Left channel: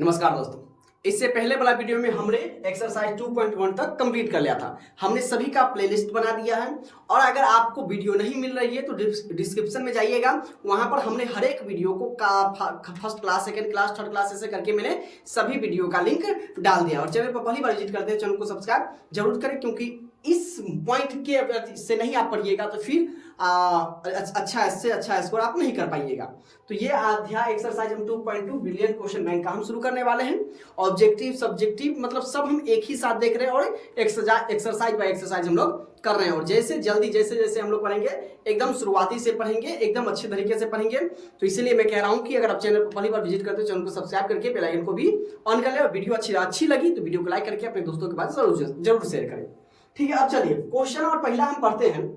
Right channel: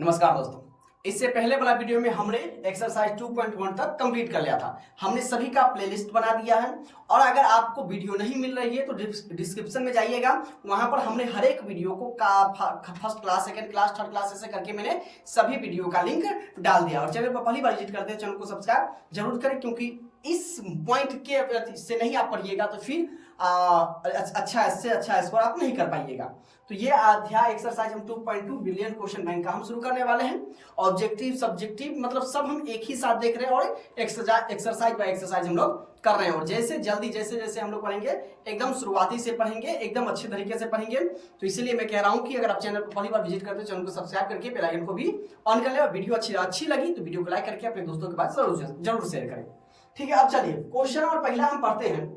नमस्कार दोस्तों, इससे पहले वाला वीडियो में हमने एक्सरसाइज 2.1 तक कंप्लीट कर लिया था। हमने सभी का प्लेलिस्ट बना दिया है और अगर आपको वीडियो नहीं मिल रही है तो डिस्क्रिप्शन में जाइएगा, वहां पर हमने हर एक वीडियो को first class, second class, third class ऐसे करके मैंने सभी वीडियो का लिंक डाल दिया। और चैनल पर पहली बार विजिट करते हैं, चैनल को सब्सक्राइब जरूर करें, क्योंकि इस पॉइंट के से नहीं आप पढ़िएगा तो फिर अच्छा स्कोर आप नहीं कर पाइएगा। तो ये अध्याय एक्सरसाइज हम 2.2 बिलियन क्वेश्चन बैंक का हम शुरू करने वाले हैं। ऑब्जेक्टिव सब्जेक्टिव मतलब सब हम एक ही साथ देख रहे हैं और एक्सरसाइज बाय एक्सरसाइज हम लोग कर रहे हैं। और जैसे जैसे हम लोग पढ़ेंगे एकदम शुरुआती से पढ़ेंगे, एकदम अच्छे तरीके से पढ़ेंगे। तो इसीलिए मैं कह रहा हूं कि अगर आप चैनल को पहली बार विजिट करते हो, चैनल को सब्सक्राइब करके बेल आइकन को भी ऑन कर ले और वीडियो अच्छी लगी तो वीडियो को लाइक करके अपने दोस्तों के पास जरूर शेयर करें। ठीक है, अब चलिए क्वेश्चन और पहला हम पढ़ते हैं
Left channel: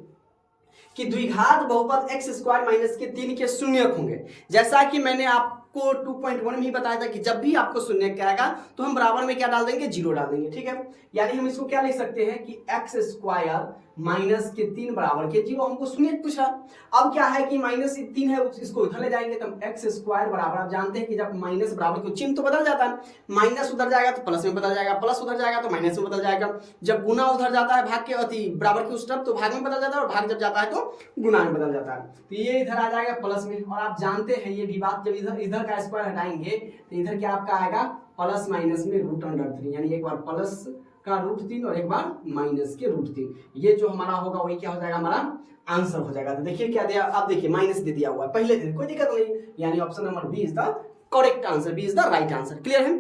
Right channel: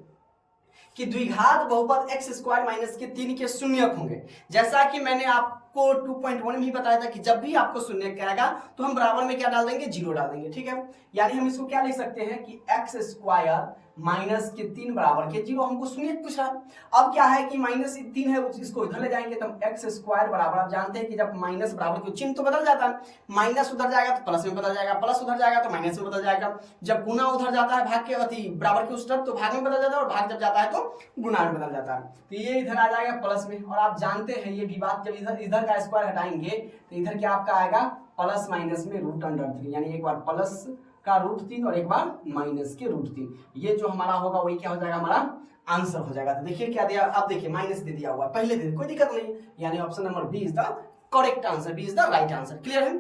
कि द्विघात बहुपद x स्क्वायर माइनस के 3 के शून्यक होंगे। जैसा कि मैंने आपको 2.1 में ही बताया था कि जब भी आपको शून्यक आएगा तो हम बराबर में क्या डाल देंगे, 0 डाल देंगे। ठीक है, यानी हम इसको क्या लिख सकते हैं कि x स्क्वायर माइनस के 3 बराबर के 0। हमको शून्यक पूछा। अब क्या है कि माइनस 3 है, इसको इधर ले जाएंगे तो x स्क्वायर बराबर, आप जानते हैं कि जब माइनस बराबर के चिन्ह तो बदल जाता है, माइनस उधर जाएगा तो प्लस में बदल जाएगा, प्लस उधर जाएगा तो माइनस में बदल जाएगा। जब गुना उधर जाता है भाग के अति बराबर के उस तरफ तो भाग में बदल जाता है, और भाग जब जाता है तो गुना में बदल जाता है। तो ये इधर आ जाएगा प्लस में। और आप जानते हैं ये भी बात, जब इधर का स्क्वायर हटाएंगे तो इधर क्या आपका आएगा प्लस माइनस में √3, यानी एक बार प्लस का √3 और एक बार माइनस के √3। ये जो हमारा होगा वही क्या हो जाएगा, हमारा आंसर हो जाएगा। तो देखिए क्या दिया, आप देखिए माइनस दे दिया हुआ है, पहले दे, कोई दिक्कत नहीं, यानी option number B is the correct answer, B is the right answer. Clear है।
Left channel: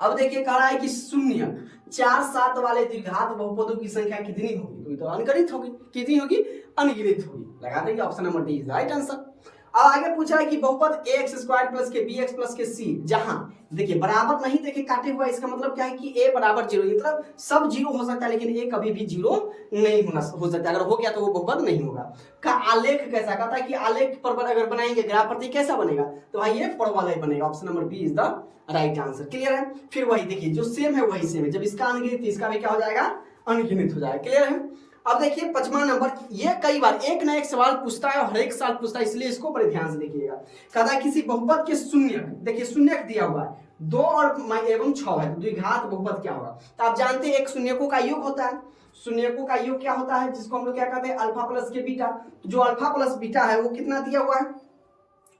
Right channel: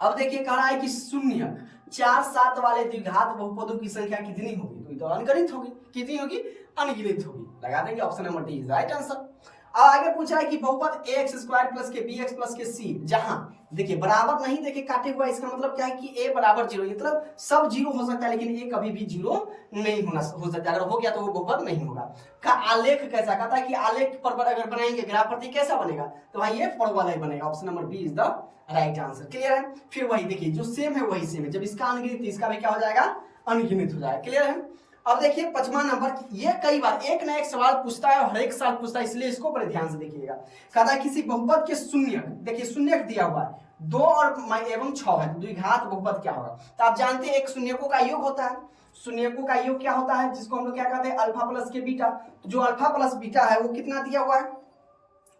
अब देखिए कह रहा है कि शून्य 4 7 वाले द्विघात बहुपदों की संख्या कितनी होगी, तो ये तो अनगिनत होगी। कितनी होगी, अनगिनत होगी। लगा देंगे option number D is right answer. अब आगे पूछा है कि बहुपद ax स्क्वायर प्लस के bx प्लस के c, जहां देखिए बराबर नहीं देखे काटे हुआ, इसका मतलब क्या है कि a बराबर 0, मतलब सब 0 हो सकता है लेकिन a कभी भी 0 नहीं हो सकता। अगर हो गया तो वो बहुपद नहीं होगा। का आलेख कैसा, कहता है कि आलेख पर अगर बनाएंगे ग्राफ प्रतीक कैसा बनेगा, तो भाई ये परवलय ही बनेगा। Option number B is the right answer. Clear है। फिर वही देखिए जो सेम है वही सेम है, जब इसका अनगिनत इसका भी क्या हो जाएगा, अनगिनत हो जाएगा। क्लियर है। अब देखिए 5वां नंबर, ये कई बार एक ना एक सवाल पूछता है और हर एक साल पूछता है, इसलिए इसको बड़े ध्यान से देखिएगा। कहता है किसी बहुपद के शून्यक, देखिए शून्यक दिया हुआ है 2 और एवं 6 है, द्विघात बहुपद क्या होगा। तो आप जानते हैं एक शून्यकों का योग होता है। शून्यकों का योग क्या होता है, जिसको हम लोग क्या कहते हैं, अल्फा प्लस के बीटा। तो जो अल्फा प्लस बीटा है वो कितना दिया हुआ है,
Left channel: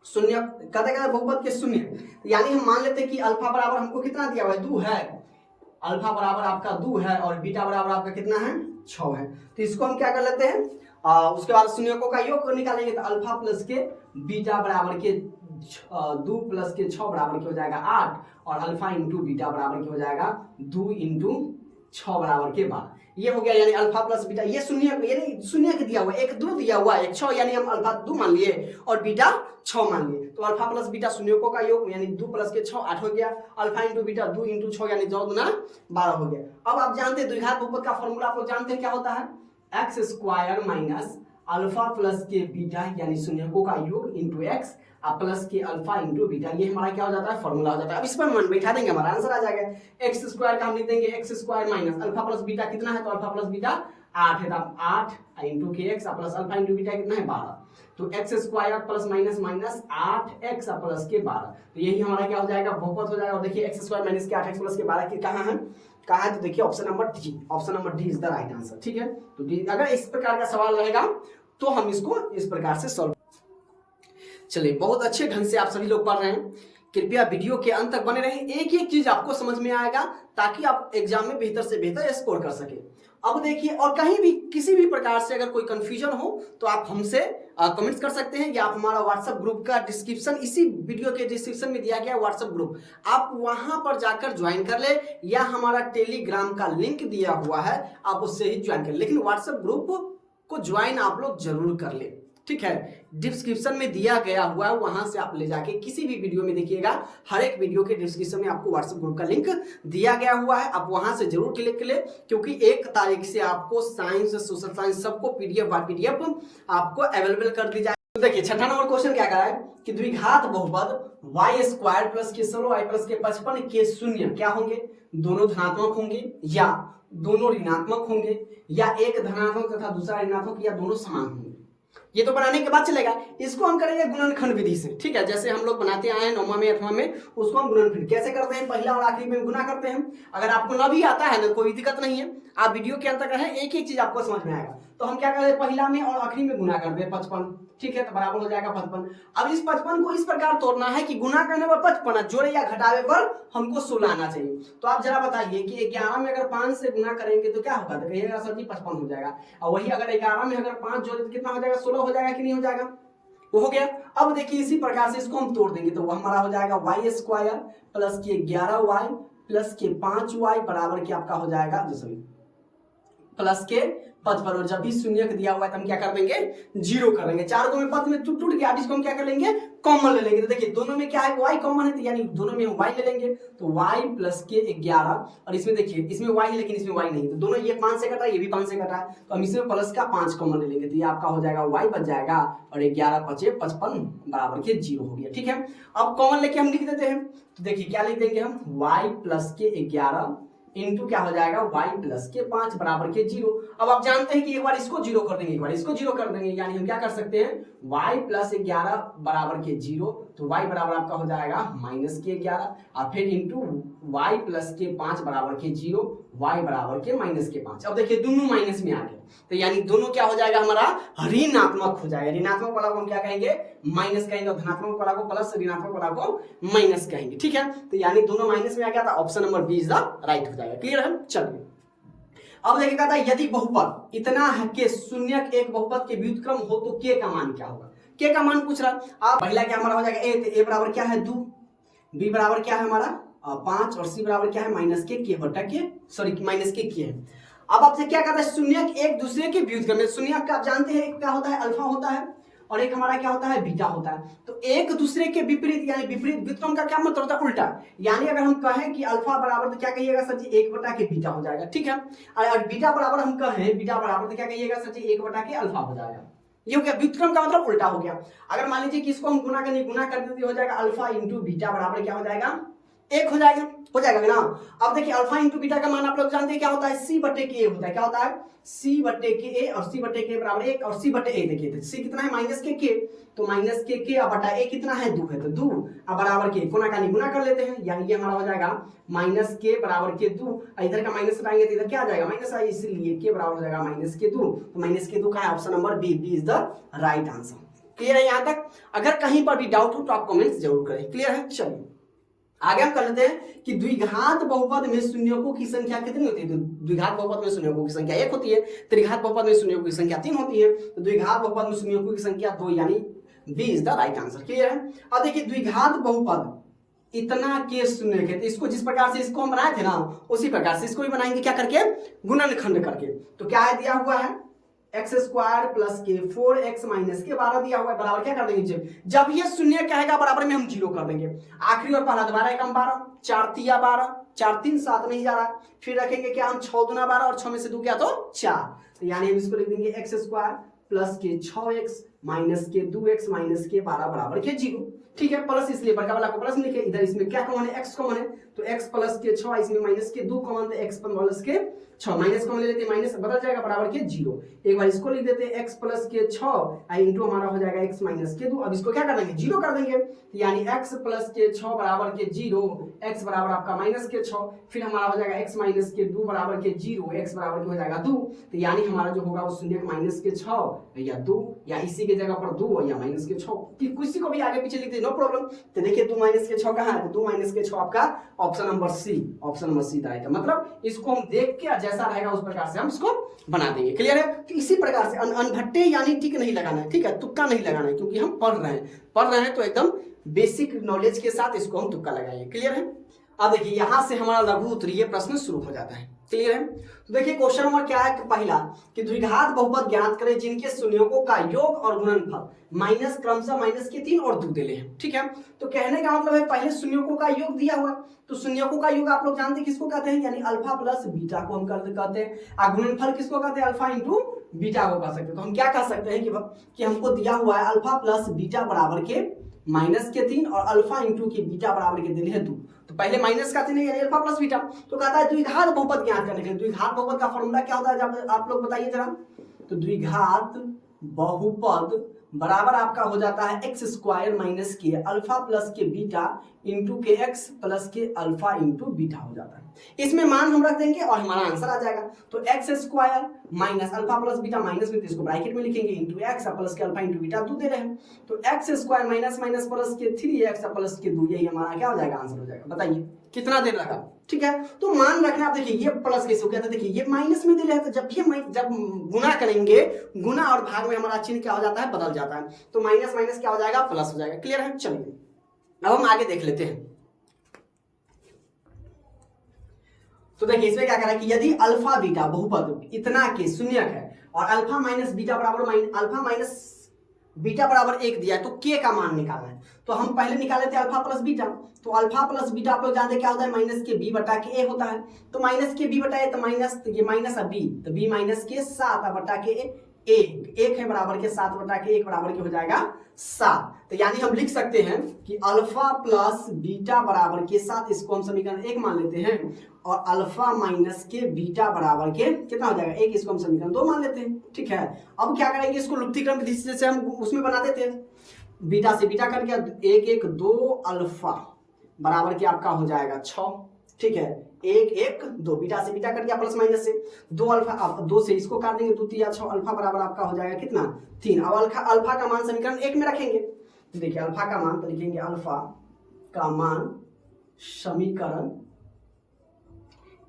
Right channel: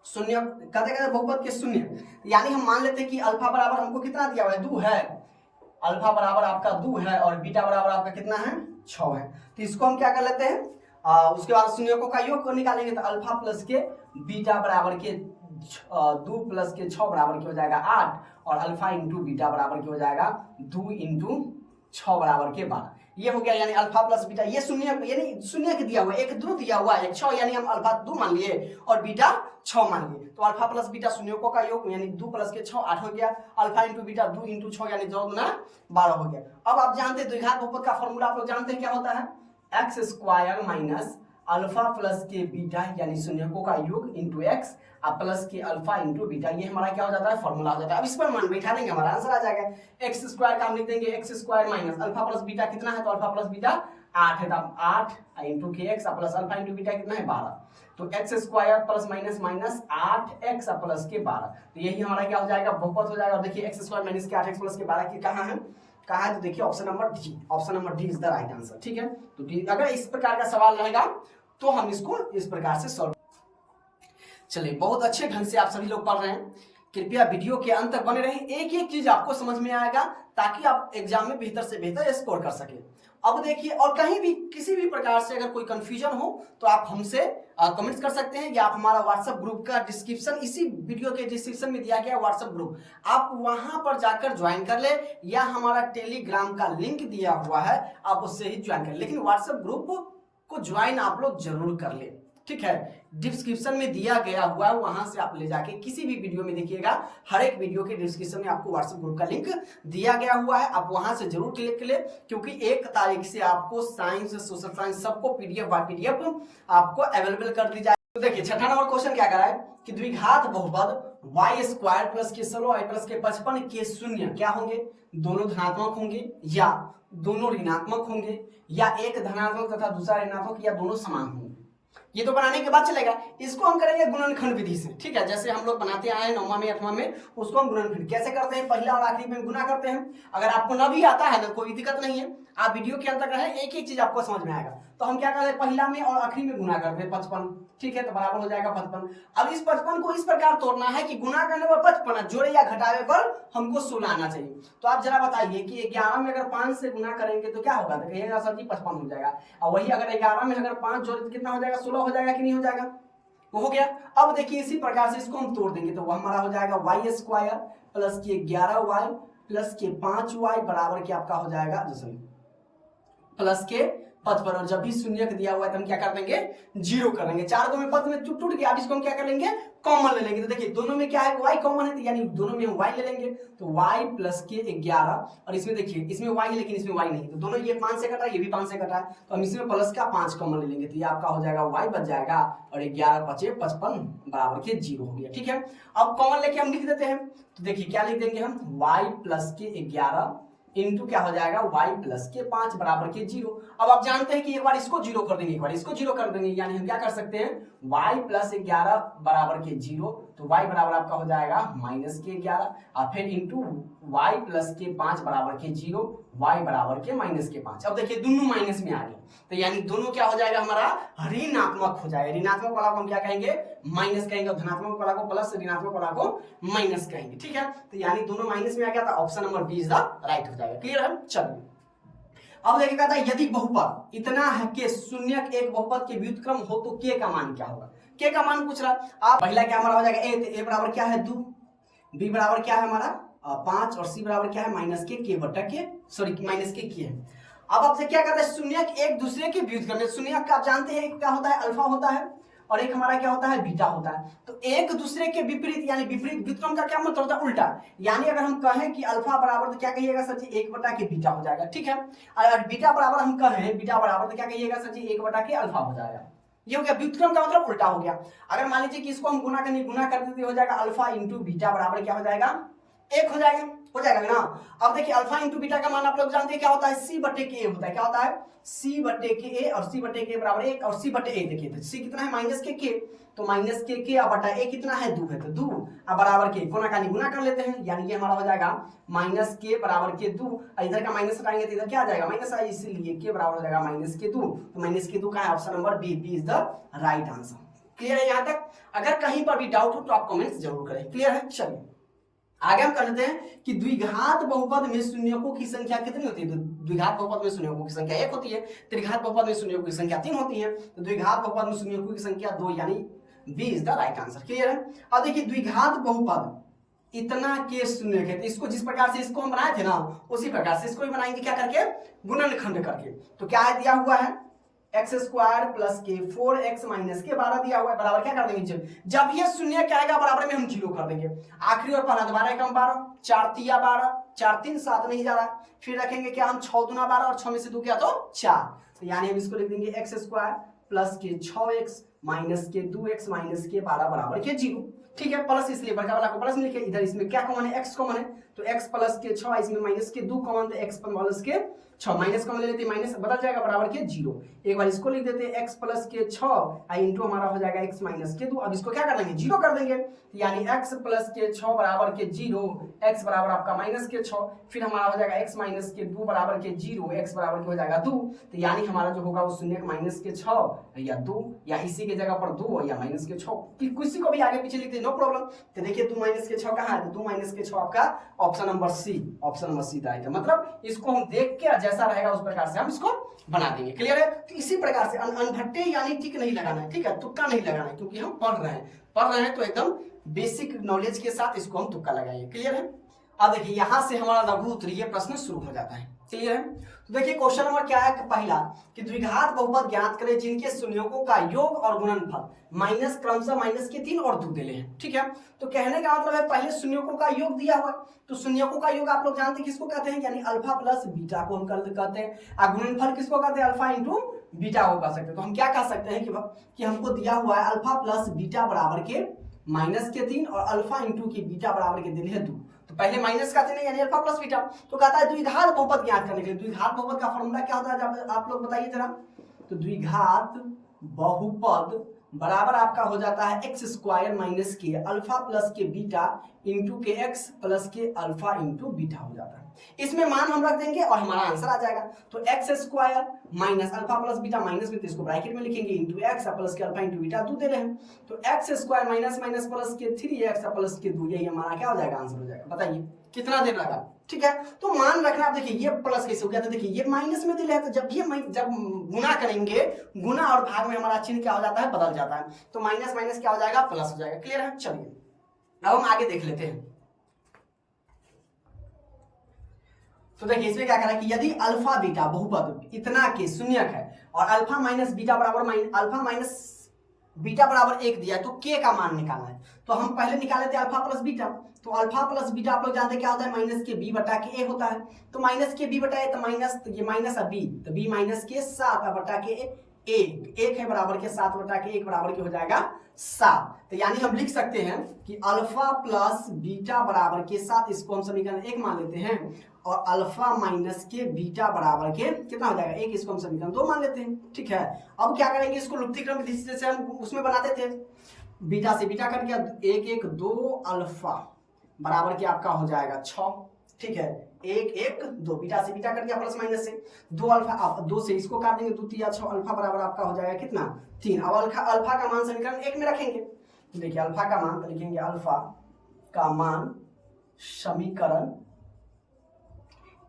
शून्य कहते हैं बहुपद के शून्य, यानी हम मान लेते हैं कि अल्फा बराबर हमको कितना दिया हुआ है, 2 है। अल्फा बराबर आपका 2 है और बीटा बराबर आपका कितना है, 6 है। तो इसको हम क्या कर लेते हैं, उसके बाद शून्यकों का योग निकालेंगे तो अल्फा प्लस के बीटा बराबर के 2 प्लस के 6 बराबर की हो जाएगा 8, और अल्फा इंटू बीटा बराबर की हो जाएगा 2 इंटू 6 बराबर के 12। ये हो गया, यानी अल्फा प्लस बीटा। ये शून्य, यानी शून्य के दिया हुआ, एक 2 दिया हुआ है, एक 6, यानी हम अल्फा 2 मान लिए और बीटा 6 मान लिए। तो अल्फा प्लस बीटा शून्यकों का योग, यानी 2 प्लस के 6 8 हो गया, अल्फा इंटू बीटा 2 इंटू 6 यानी 2 गुना 12 हो गया। अब आप जानते हैं द्विघात बहुपद का फॉर्मूला आप लोग जानते हैं क्या होता है, x square minus alpha plus के बीटा यानी शून्यकों का योग इंटू एक्स प्लस के अल्फा इंटू बीटा, ये हमारा क्या हो जाता है, फॉर्मूला हो जाता है। अब इस पर मान बैठा देंगे, हमारा आंसर आ जाएगा। एक्स स्क्वायर का हम लिख देंगे x square minus alpha plus beta कितना है, तो अल्फा प्लस बीटा 8 है, तो 8 इंटू के x plus alpha into beta कितना है, 12। तो x square plus minus minus 8x plus के 12, तो यही हमारा क्या हो जाएगा, बहुपद हो जाएगा। और देखिए एक्स स्क्वायर माइनस के 8x प्लस के 12 की कहाँ है, तो देखिए option number D, option number D is the right answer. ठीक है, तो डी, अगर इस प्रकार का सवाल रहेगा तो हम इसको इस प्रकार से सॉल्व। चलिए, बहुत अच्छे ढंग से आप सभी लोग पढ़ रहे हैं, कृपया वीडियो के अंत तक बने रहें, एक एक चीज आपको समझ में आएगा ताकि आप एग्जाम में बेहतर से बेहतर स्कोर कर सके। अब देखिए, और कहीं भी किसी भी प्रकार से अगर कोई कंफ्यूजन हो तो आप हमसे कमेंट्स कर सकते हैं, या आप हमारा व्हाट्सएप ग्रुप का डिस्क्रिप्शन, इसी वीडियो के डिस्क्रिप्शन में दिया गया व्हाट्सएप ग्रुप, आप वहां पर जाकर ज्वाइन कर ले, या हमारा टेलीग्राम का लिंक दिया हुआ है आप उससे ही ज्वाइन कर ले, लेकिन व्हाट्सएप ग्रुप को ज्वाइन आप लोग जरूर कर ले। ठीक है, डिस्क्रिप्शन में दिया गया हुआ है, वहां से आप ले जाके किसी भी वीडियो में देखिएगा, हर एक वीडियो के डिस्क्रिप्शन में आपको व्हाट्सएप ग्रुप का लिंक दिया गया हुआ है, आप वहां से जरूर क्लिक कर ले, क्योंकि 1 तारीख से आपको साइंस, सोशल साइंस सबको पीडीएफ बाय पीडीएफ आपको अवेलेबल कर दी जाए। तो देखिए 6वां नंबर क्वेश्चन क्या करा है कि द्विघात बहुपद y स्क्वायर प्लस के 16y प्लस के 55 के शून्य क्या होंगे, दोनों धनात्मक होंगे या दोनों ऋणात्मक होंगे, या एक धनात्मक तथा दूसरा ऋणात्मक, या दोनों समान होंगे। ये तो बनाने के बाद चलेगा। इसको हम करेंगे गुणनखंड विधि से, ठीक है, जैसे हम लोग बनाते आए हैं 9वां में 8वां में, उसको हम गुणनखंड कैसे करते हैं, पहला और आखिरी में गुना करते हैं। अगर आपको ना भी आता है ना कोई दिक्कत नहीं है, आप वीडियो के अंत तक रहे, एक एक चीज आपको समझ में आएगा। तो हम क्या करते हैं, पहला में और आखिरी में गुना करते हैं 55, ठीक है, तो बराबर हो जाएगा 55। अब इस 55 को इस प्रकार तोड़ना है कि गुना करने पर 55, जोड़े या घटावे पर हमको 16 आना चाहिए। तो आप जरा बताइए कि 11 में अगर 5 से गुना करेंगे तो क्या होगा, तो कहिएगा सर जी 55 हो जाएगा। और वही अगर 11 में अगर 5 जोड़े तो कितना हो जाएगा, 16 हो जाएगा कि नहीं हो जाएगा, वो हो गया। अब देखिए इसी प्रकार से इसको हम तोड़ देंगे तो वह हमारा हो जाएगा वाई स्क्वायर प्लस के 11y प्लस के 5y बराबर के आपका हो जाएगा प्लस के 55। और जब भी शून्य दिया हुआ है तो हम क्या कर देंगे, 0 कर देंगे। 4 को में पद में टूट गया, अब इसको हम क्या कर लेंगे, कॉमन ले लेंगे। तो देखिए दोनों में क्या है, y कॉमन है, तो यानी दोनों में हम y ले लेंगे, तो y प्लस के 11। और इसमें देखिए इसमें y है लेकिन इसमें y नहीं, तो दोनों ये 5 से कटा है, ये भी 5 से कटा है, तो हम इसमें प्लस का 5 कॉमन ले लेंगे, तो ये आपका हो जाएगा y बच जाएगा और 11 5 55 बराबर के 0 हो गया, ठीक है। अब कॉमन लेके हम लिख देते हैं, तो देखिए क्या लिख देंगे हम, y प्लस के 11 इंटू क्या हो जाएगा, y प्लस के 5 बराबर के 0। अब आप जानते हैं कि एक बार इसको 0 कर देंगे, एक बार इसको 0 कर देंगे, यानी हम क्या कर सकते हैं, y प्लस 11 बराबर के 0, तो y बराबर आपका हो जाएगा माइनस के 11, और फिर इंटू y प्लस के 5 बराबर के 0, y बराबर के माइनस के 5। अब देखिए दोनों माइनस में आ गया, तो यानी दोनों क्या हो जाएगा हमारा, ऋणात्मक हो जाएगा। ऋणात्मक वाला को हम क्या कहेंगे, माइनस कहेंगे, और धनात्मक वाला को प्लस, ऋणात्मक वाला को माइनस कहेंगे, ठीक है। तो यानी दोनों माइनस में आ गया, था option number B is the right हो जाएगा। क्लियर है, चलिए अब देखिएगा था, यदि बहुपद इतना है कि शून्य एक बहुपद के व्युत्क्रम हो तो के का मान क्या होगा। के का मान पूछ रहा, आप पहला क्या हमारा हो जाएगा ए, तो ए बराबर क्या है 2, बी बराबर क्या है हमारा 5, और सी बराबर क्या है माइनस के बटा के, सॉरी माइनस के है। अब आपसे क्या करता है, शून्य एक दूसरे के व्युत्क्रम, शून्य का आप जानते हैं एक क्या होता है, अल्फा होता है, और एक हमारा क्या होता है, बीटा होता है। तो एक दूसरे के विपरीत, यानी विपरीत व्युत्क्रम का क्या मतलब होता है, उल्टा। यानी अगर हम कहें कि अल्फा बराबर तो क्या कहिएगा सर जी, 1 बटा के बीटा हो जाएगा, ठीक है। और बीटा बराबर हम कहें, बीटा बराबर तो क्या कहिएगा सर जी, 1 बटा के अल्फा हो जाएगा। ये हो गया, व्युत्क्रम का मतलब उल्टा हो गया। अगर मान लीजिए कि इसको हम गुना कर देते हो जाएगा, अल्फा इंटू बीटा बराबर क्या हो जाएगा, 1 हो जाएगा ना। अब देखिए अल्फा इंटू बीटा का मान आप लोग जानते हैं क्या होता है, सी बटे के ए होता है, क्या होता है, सी बटे के ए, और सी बटे के बराबर 1, और सी बटे ए देखिए सी कितना है माइनस के, तो माइनस के अब बटा ए कितना है 2 है, तो 2 अब बराबर के कोना का गुना कर लेते हैं, यानी ये हमारा हो जाएगा माइनस के बराबर के 2, इधर का माइनस हटाएंगे तो इधर क्या आ जाएगा माइनस आई, इसलिए के बराबर हो जाएगा माइनस के 2, तो माइनस के 2 का है option number B, B is the right answer. Clear है यहाँ तक, अगर कहीं पर भी डाउट हो तो आप कमेंट्स जरूर करें। क्लियर है, चलिए आगे हम कर लेते हैं कि द्विघात बहुपद में शून्यकों की संख्या कितनी होती है। तो द्विघात बहुपद में शून्यकों की संख्या 1 होती है, त्रिघात बहुपद में शून्यकों की संख्या 3 होती है, तो द्विघात बहुपद में शून्यकों की संख्या 2, यानी B is the right answer. Clear है। अब देखिए द्विघात बहुपद इतना के शून्य है, तो इसको जिस प्रकार से इसको हम बनाए थे ना उसी प्रकार से इसको भी बनाएंगे, क्या करके, गुणनखंड करके। तो क्या है दिया हुआ है, एक्स स्क्वायर प्लस के 4x माइनस के 12 दिया हुआ है, बराबर क्या कर देंगे, जब ये शून्य कहेगा बराबर में हम 0 कर देंगे। आखिरी और पहला 12 कम 12, 4 तिया 12, 4 3 7 नहीं जा रहा, फिर रखेंगे क्या हम 6 दूना 12 और 6 में से 2 क्या तो 4, तो यानी हम इसको लिख देंगे एक्स स्क्वायर प्लस के 6x माइनस के 2x माइनस के 12 बराबर के 0। ठीक है, प्लस इसलिए बड़का वाला को प्लस लिखे, इधर इसमें क्या कॉमन है, x कॉमन है, तो x प्लस के 6, इसमें माइनस के 2 कॉमन, तो x प्लस के 6 माइनस कॉमन ले लेते हैं, माइनस बदल जाएगा बराबर के 0। एक बार इसको लिख देते हैं x प्लस के 6 इंटू हमारा हो जाएगा x माइनस के 2। अब इसको क्या कर देंगे, 0 कर देंगे, यानी x प्लस के 6 बराबर के 0, x बराबर आपका माइनस के 6, फिर हमारा हो जाएगा x माइनस के 2 बराबर के 0, x बराबर के हो जाएगा 2, तो यानी हमारा जो होगा वो शून्य माइनस के 6 या 2 या इसी के जगह पर 2 या माइनस के 6, किसी को भी आगे पीछे लिख दे, नो प्रॉब्लम। तो देखिए 2 माइनस के 6 कहाँ है, तो 2 माइनस के 6 आपका option number C, option number C right है। मतलब इसको हम देख के जैसा रहेगा उस प्रकार से हम इसको बना देंगे। क्लियर है। तो इसी प्रकार से अनभट्टे यानी टिक नहीं लगाना है, ठीक है, तुक्का नहीं लगाना है, क्योंकि हम पढ़ रहे हैं तो एकदम बेसिक नॉलेज के साथ इसको हम तुक्का लगाएंगे। क्लियर है। अब देखिए यहां से हमारा लघु उत्तरीय प्रश्न शुरू हो जाता है। क्लियर है। तो देखिए क्वेश्चन नंबर क्या है, पहला कि द्विघात बहुपद ज्ञात करें जिनके शून्यकों का योग और गुणनफल माइनस क्रमशः माइनस के 3 और 2 दिले हैं। ठीक है, तो कहने का मतलब है पहले शून्यकों का योग दिया हुआ है, तो शून्यकों का योग आप लोग जानते हैं किसको कहते हैं, यानी अल्फा प्लस बीटा को हम कहते हैं, और गुणनफल किसको कहते हैं, अल्फा इंटू बीटा को कह सकते हैं। तो हम क्या कह सकते हैं कि हमको दिया हुआ है अल्फा प्लस बीटा बराबर के माइनस के 3 और अल्फा इंटू के बीटा बराबर के दिले हैं 2। तो पहले माइनस का 3 यानी अल्फा प्लस बीटा, तो कहता है द्विघात बहुपद ज्ञात करने के लिए। द्विघात बहुपद का फॉर्मूला क्या होता है, जब आप लोग बताइए जरा। तो द्विघात बहुपद बराबर आपका हो जाता है x square minus k alpha plus के बीटा इंटू के एक्स प्लस के अल्फा इंटू बीटा हो जाता है। इसमें मान हम रख देंगे और हमारा आंसर आ जाएगा। तो x square minus alpha plus beta minus में, तो इसको ब्रैकेट में लिखेंगे इंटू एक्स प्लस के अल्फा इंटू बीटा 2 दे रहे हैं, तो x square minus minus plus के 3x प्लस के 2, यही हमारा क्या हो जाएगा, आंसर हो जाएगा। बताइए कितना देर लगा। ठीक है, तो मान रखना। आप देखिए ये प्लस कैसे हो गया, तो देखिए ये माइनस में दे रहे हैं, तो जब गुना करेंगे, गुना और भाग में हमारा चिन्ह क्या हो जाता है, बदल जाता है, तो माइनस माइनस क्या हो जाएगा, प्लस हो जाएगा। क्लियर है। चलिए अब हम आगे देख लेते हैं। तो देखिए इसमें क्या करा कि यदि अल्फा बीटा बहुपद इतना के शून्यक है और अल्फा माइनस बीटा बराबर अल्फा माइनस बीटा बराबर 1 दिया है, तो के का मान निकालना है। तो हम पहले निकाले थे अल्फा प्लस बीटा, तो अल्फा प्लस बीटा आप लोग जानते क्या होता है, माइनस के बी बटा के ए होता है। तो माइनस के बी बटा ए, तो माइनस, तो ये माइनस है बी, तो बी माइनस के 7 बटा के एक है बराबर के 7 बटा के 1 बराबर के हो जाएगा 7। तो यानी हम लिख सकते हैं कि अल्फा प्लस बीटा बराबर के 7, इसको हम समीकरण 1 मान लेते हैं, और अल्फा माइनस के बीटा बराबर के कितना हो जाएगा 1, इसको हम समीकरण 2 मान लेते हैं। ठीक है, अब क्या करेंगे, इसको लुप्ती क्रम जैसे हम उसमें बनाते थे, बीटा से बीटा कट गया, 1 1 2 अल्फा बराबर के आपका हो जाएगा 6। ठीक है, 1 1 2 बीटा से बीटा कट गया प्लस माइनस से 2 अल्फा, आप 2 से इसको काट देंगे, 2 3 6 अल्फा बराबर आपका हो जाएगा कितना 3। अब अल्फा का मान समीकरण 1 में रखेंगे। देखिए अल्फा का मान, तो लिखेंगे अल्फा का मान समीकरण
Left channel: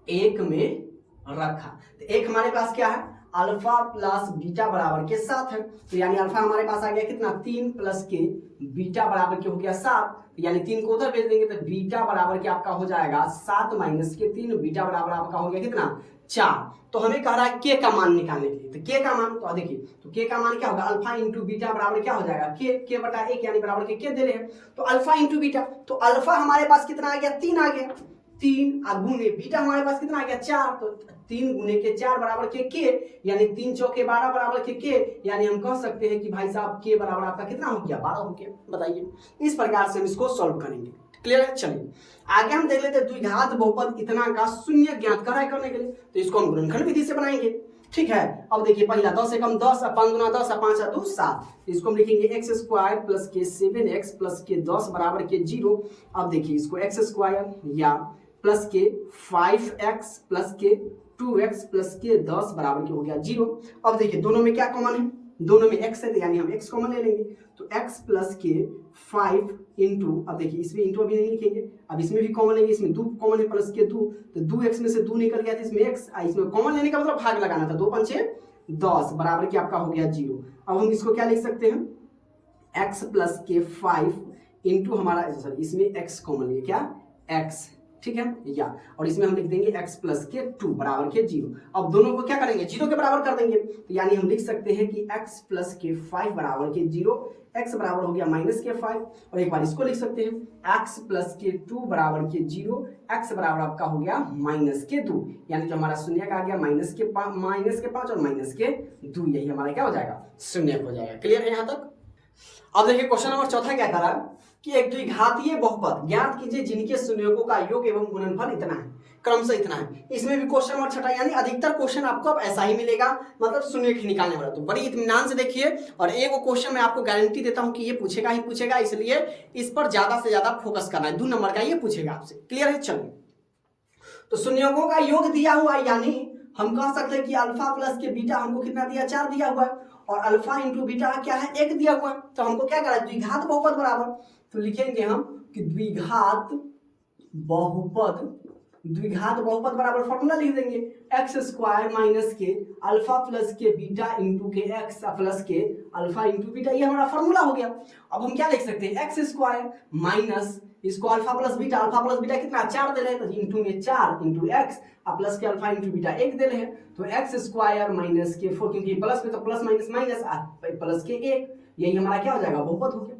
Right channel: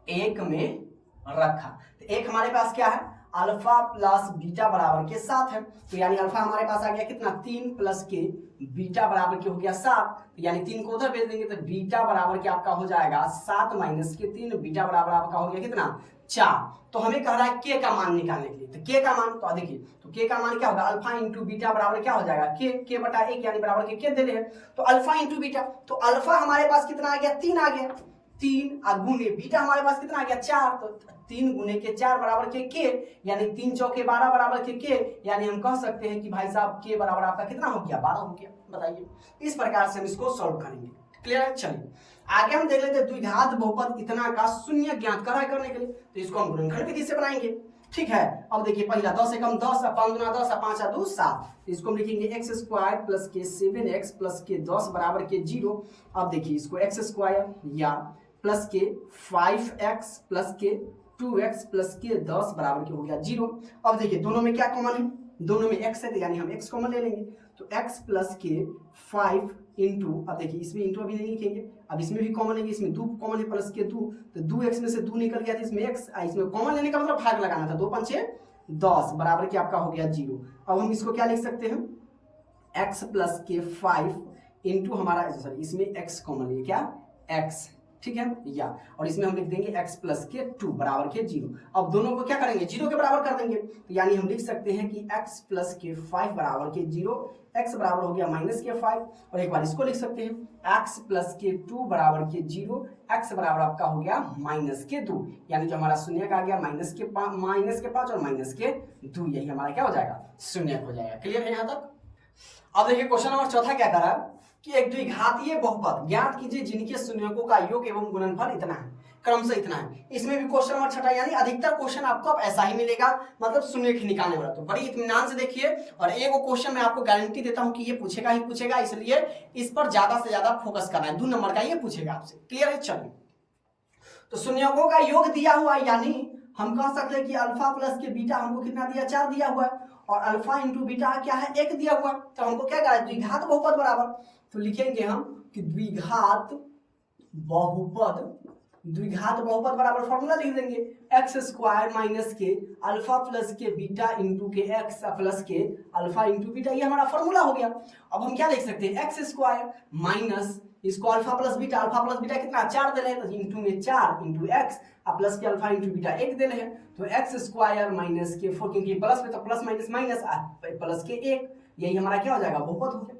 1 में रखा। तो एक हमारे पास क्या है, अल्फा प्लस बीटा बराबर के 7 है, तो यानी अल्फा हमारे पास आ गया कितना 3 प्लस के बीटा बराबर के हो गया 7, तो यानी 3 को उधर भेज देंगे, तो बीटा बराबर के आपका हो जाएगा 7 माइनस के 3, बीटा बराबर आपका हो गया कितना 4। तो हमें कह रहा है के का मान निकालने के लिए, तो के का मान, तो देखिए तो के का मान क्या होगा, अल्फा इंटू बीटा बराबर क्या हो जाएगा के बटा 1, यानी बराबर के दे रहे हैं, तो अल्फा इंटू बीटा, तो अल्फा हमारे पास कितना आ गया 3 आ गया, 3 गुने बीटा हमारे पास कितना आ गया 4, तो 3 गुने के 4 बराबर के यानी 3 चौके 12 बराबर के यानी हम कह सकते हैं कि भाई साहब के बराबर आपका कितना हो गया 12 हो गया। बताइए, इस प्रकार से हम इसको सॉल्व करेंगे। क्लियर है। चलिए आगे हम देख लेते हैं द्विघात बहुपद इतना का शून्य ज्ञात करने के लिए, तो इसको हम गुणनखंड विधि से बनाएंगे। ठीक है, अब देखिए पहला 10 से कम 10, 5 गुना 10, 5 2 7, इसको हम लिखेंगे एक्स स्क्वायर प्लस के 7x प्लस के 10 बराबर के 0। अब देखिए इसको एक्स स्क्वायर या प्लस के 5x प्लस के 2x प्लस के 10 बराबर के हो गया 0। अब देखिए दोनों में क्या कॉमन है, दोनों में x है, यानी हम x कॉमन ले लेंगे, तो x प्लस के 5 इंटू, अब देखिए इसमें इंटू अभी नहीं लिखेंगे, अब इसमें भी कॉमन लेंगे, इसमें 2 कॉमन है प्लस के 2, तो 2x में से 2 निकल गया था, इसमें x, इसमें कॉमन लेने का मतलब भाग लगाना था, 2 5 6 10 बराबर के आपका हो गया 0। अब हम इसको क्या लिख सकते हैं, x प्लस के 5 इंटू हमारा, सॉरी इसमें x कॉमन लिया, क्या x, ठीक है, या, और इसमें हम लिख देंगे x प्लस के 2 बराबर के 0। अब दोनों को क्या करेंगे, 0 के बराबर कर देंगे, तो यानी हम लिख सकते हैं कि x प्लस के 5 बराबर के 0, x बराबर हो गया माइनस के 5, और एक बार इसको लिख सकते हैं x प्लस के 2 बराबर के 0, x बराबर आपका हो गया माइनस के 2, यानी जो हमारा शून्य का आ गया माइनस के 5 और माइनस के 2, यही हमारा क्या हो जाएगा, शून्य हो जाएगा। क्लियर है यहाँ तक। अब देखिए क्वेश्चन नंबर 4 क्या करा कि एक द्विघातीय बहुपद ज्ञात कीजिए जिनके शून्यकों का योग एवं गुणनफल इतना है, क्रमशः इतना है। इसमें भी क्वेश्चन नंबर 6 यानी अधिकतर क्वेश्चन आपको अब ऐसा ही मिलेगा, मतलब शून्य निकालने वाला। तो बड़ी इत्मीनान से देखिए, और एक क्वेश्चन मैं आपको गारंटी देता हूं कि ये पूछेगा ही पूछेगा, इसलिए इस पर ज्यादा से ज्यादा फोकस करना है, 2 नंबर का ये पूछेगा आपसे। क्लियर है। चलिए, तो शून्यकों का योग दिया हुआ, यानी हम कह सकते हैं कि अल्फा प्लस के बीटा हमको कितना दिया, 4 दिया हुआ है, और अल्फा इंटू बीटा क्या है, 1 दिया हुआ है। तो हमको क्या करना है, द्विघात बहुपद बराबर, तो लिखेंगे हम कि द्विघात बहुपद बराबर फॉर्मूला लिख देंगे, x square minus k alpha plus के बीटा इंटू के एक्स प्लस के अल्फा इंटू बीटा, ये हमारा फॉर्मूला हो गया। अब हम क्या लिख सकते हैं, एक्स स्क्वायर माइनस इसको अल्फा प्लस बीटा कितना 4 दे रहे हैं, तो इंटू में 4 इंटू एक्स प्लस के अल्फा इंटू बीटा 1 दे रहे हैं, तो एक्स स्क्वायर माइनस के 4, क्योंकि प्लस में तो प्लस माइनस माइनस प्लस के 1, यही हमारा क्या हो जाएगा, बहुपद हो गया।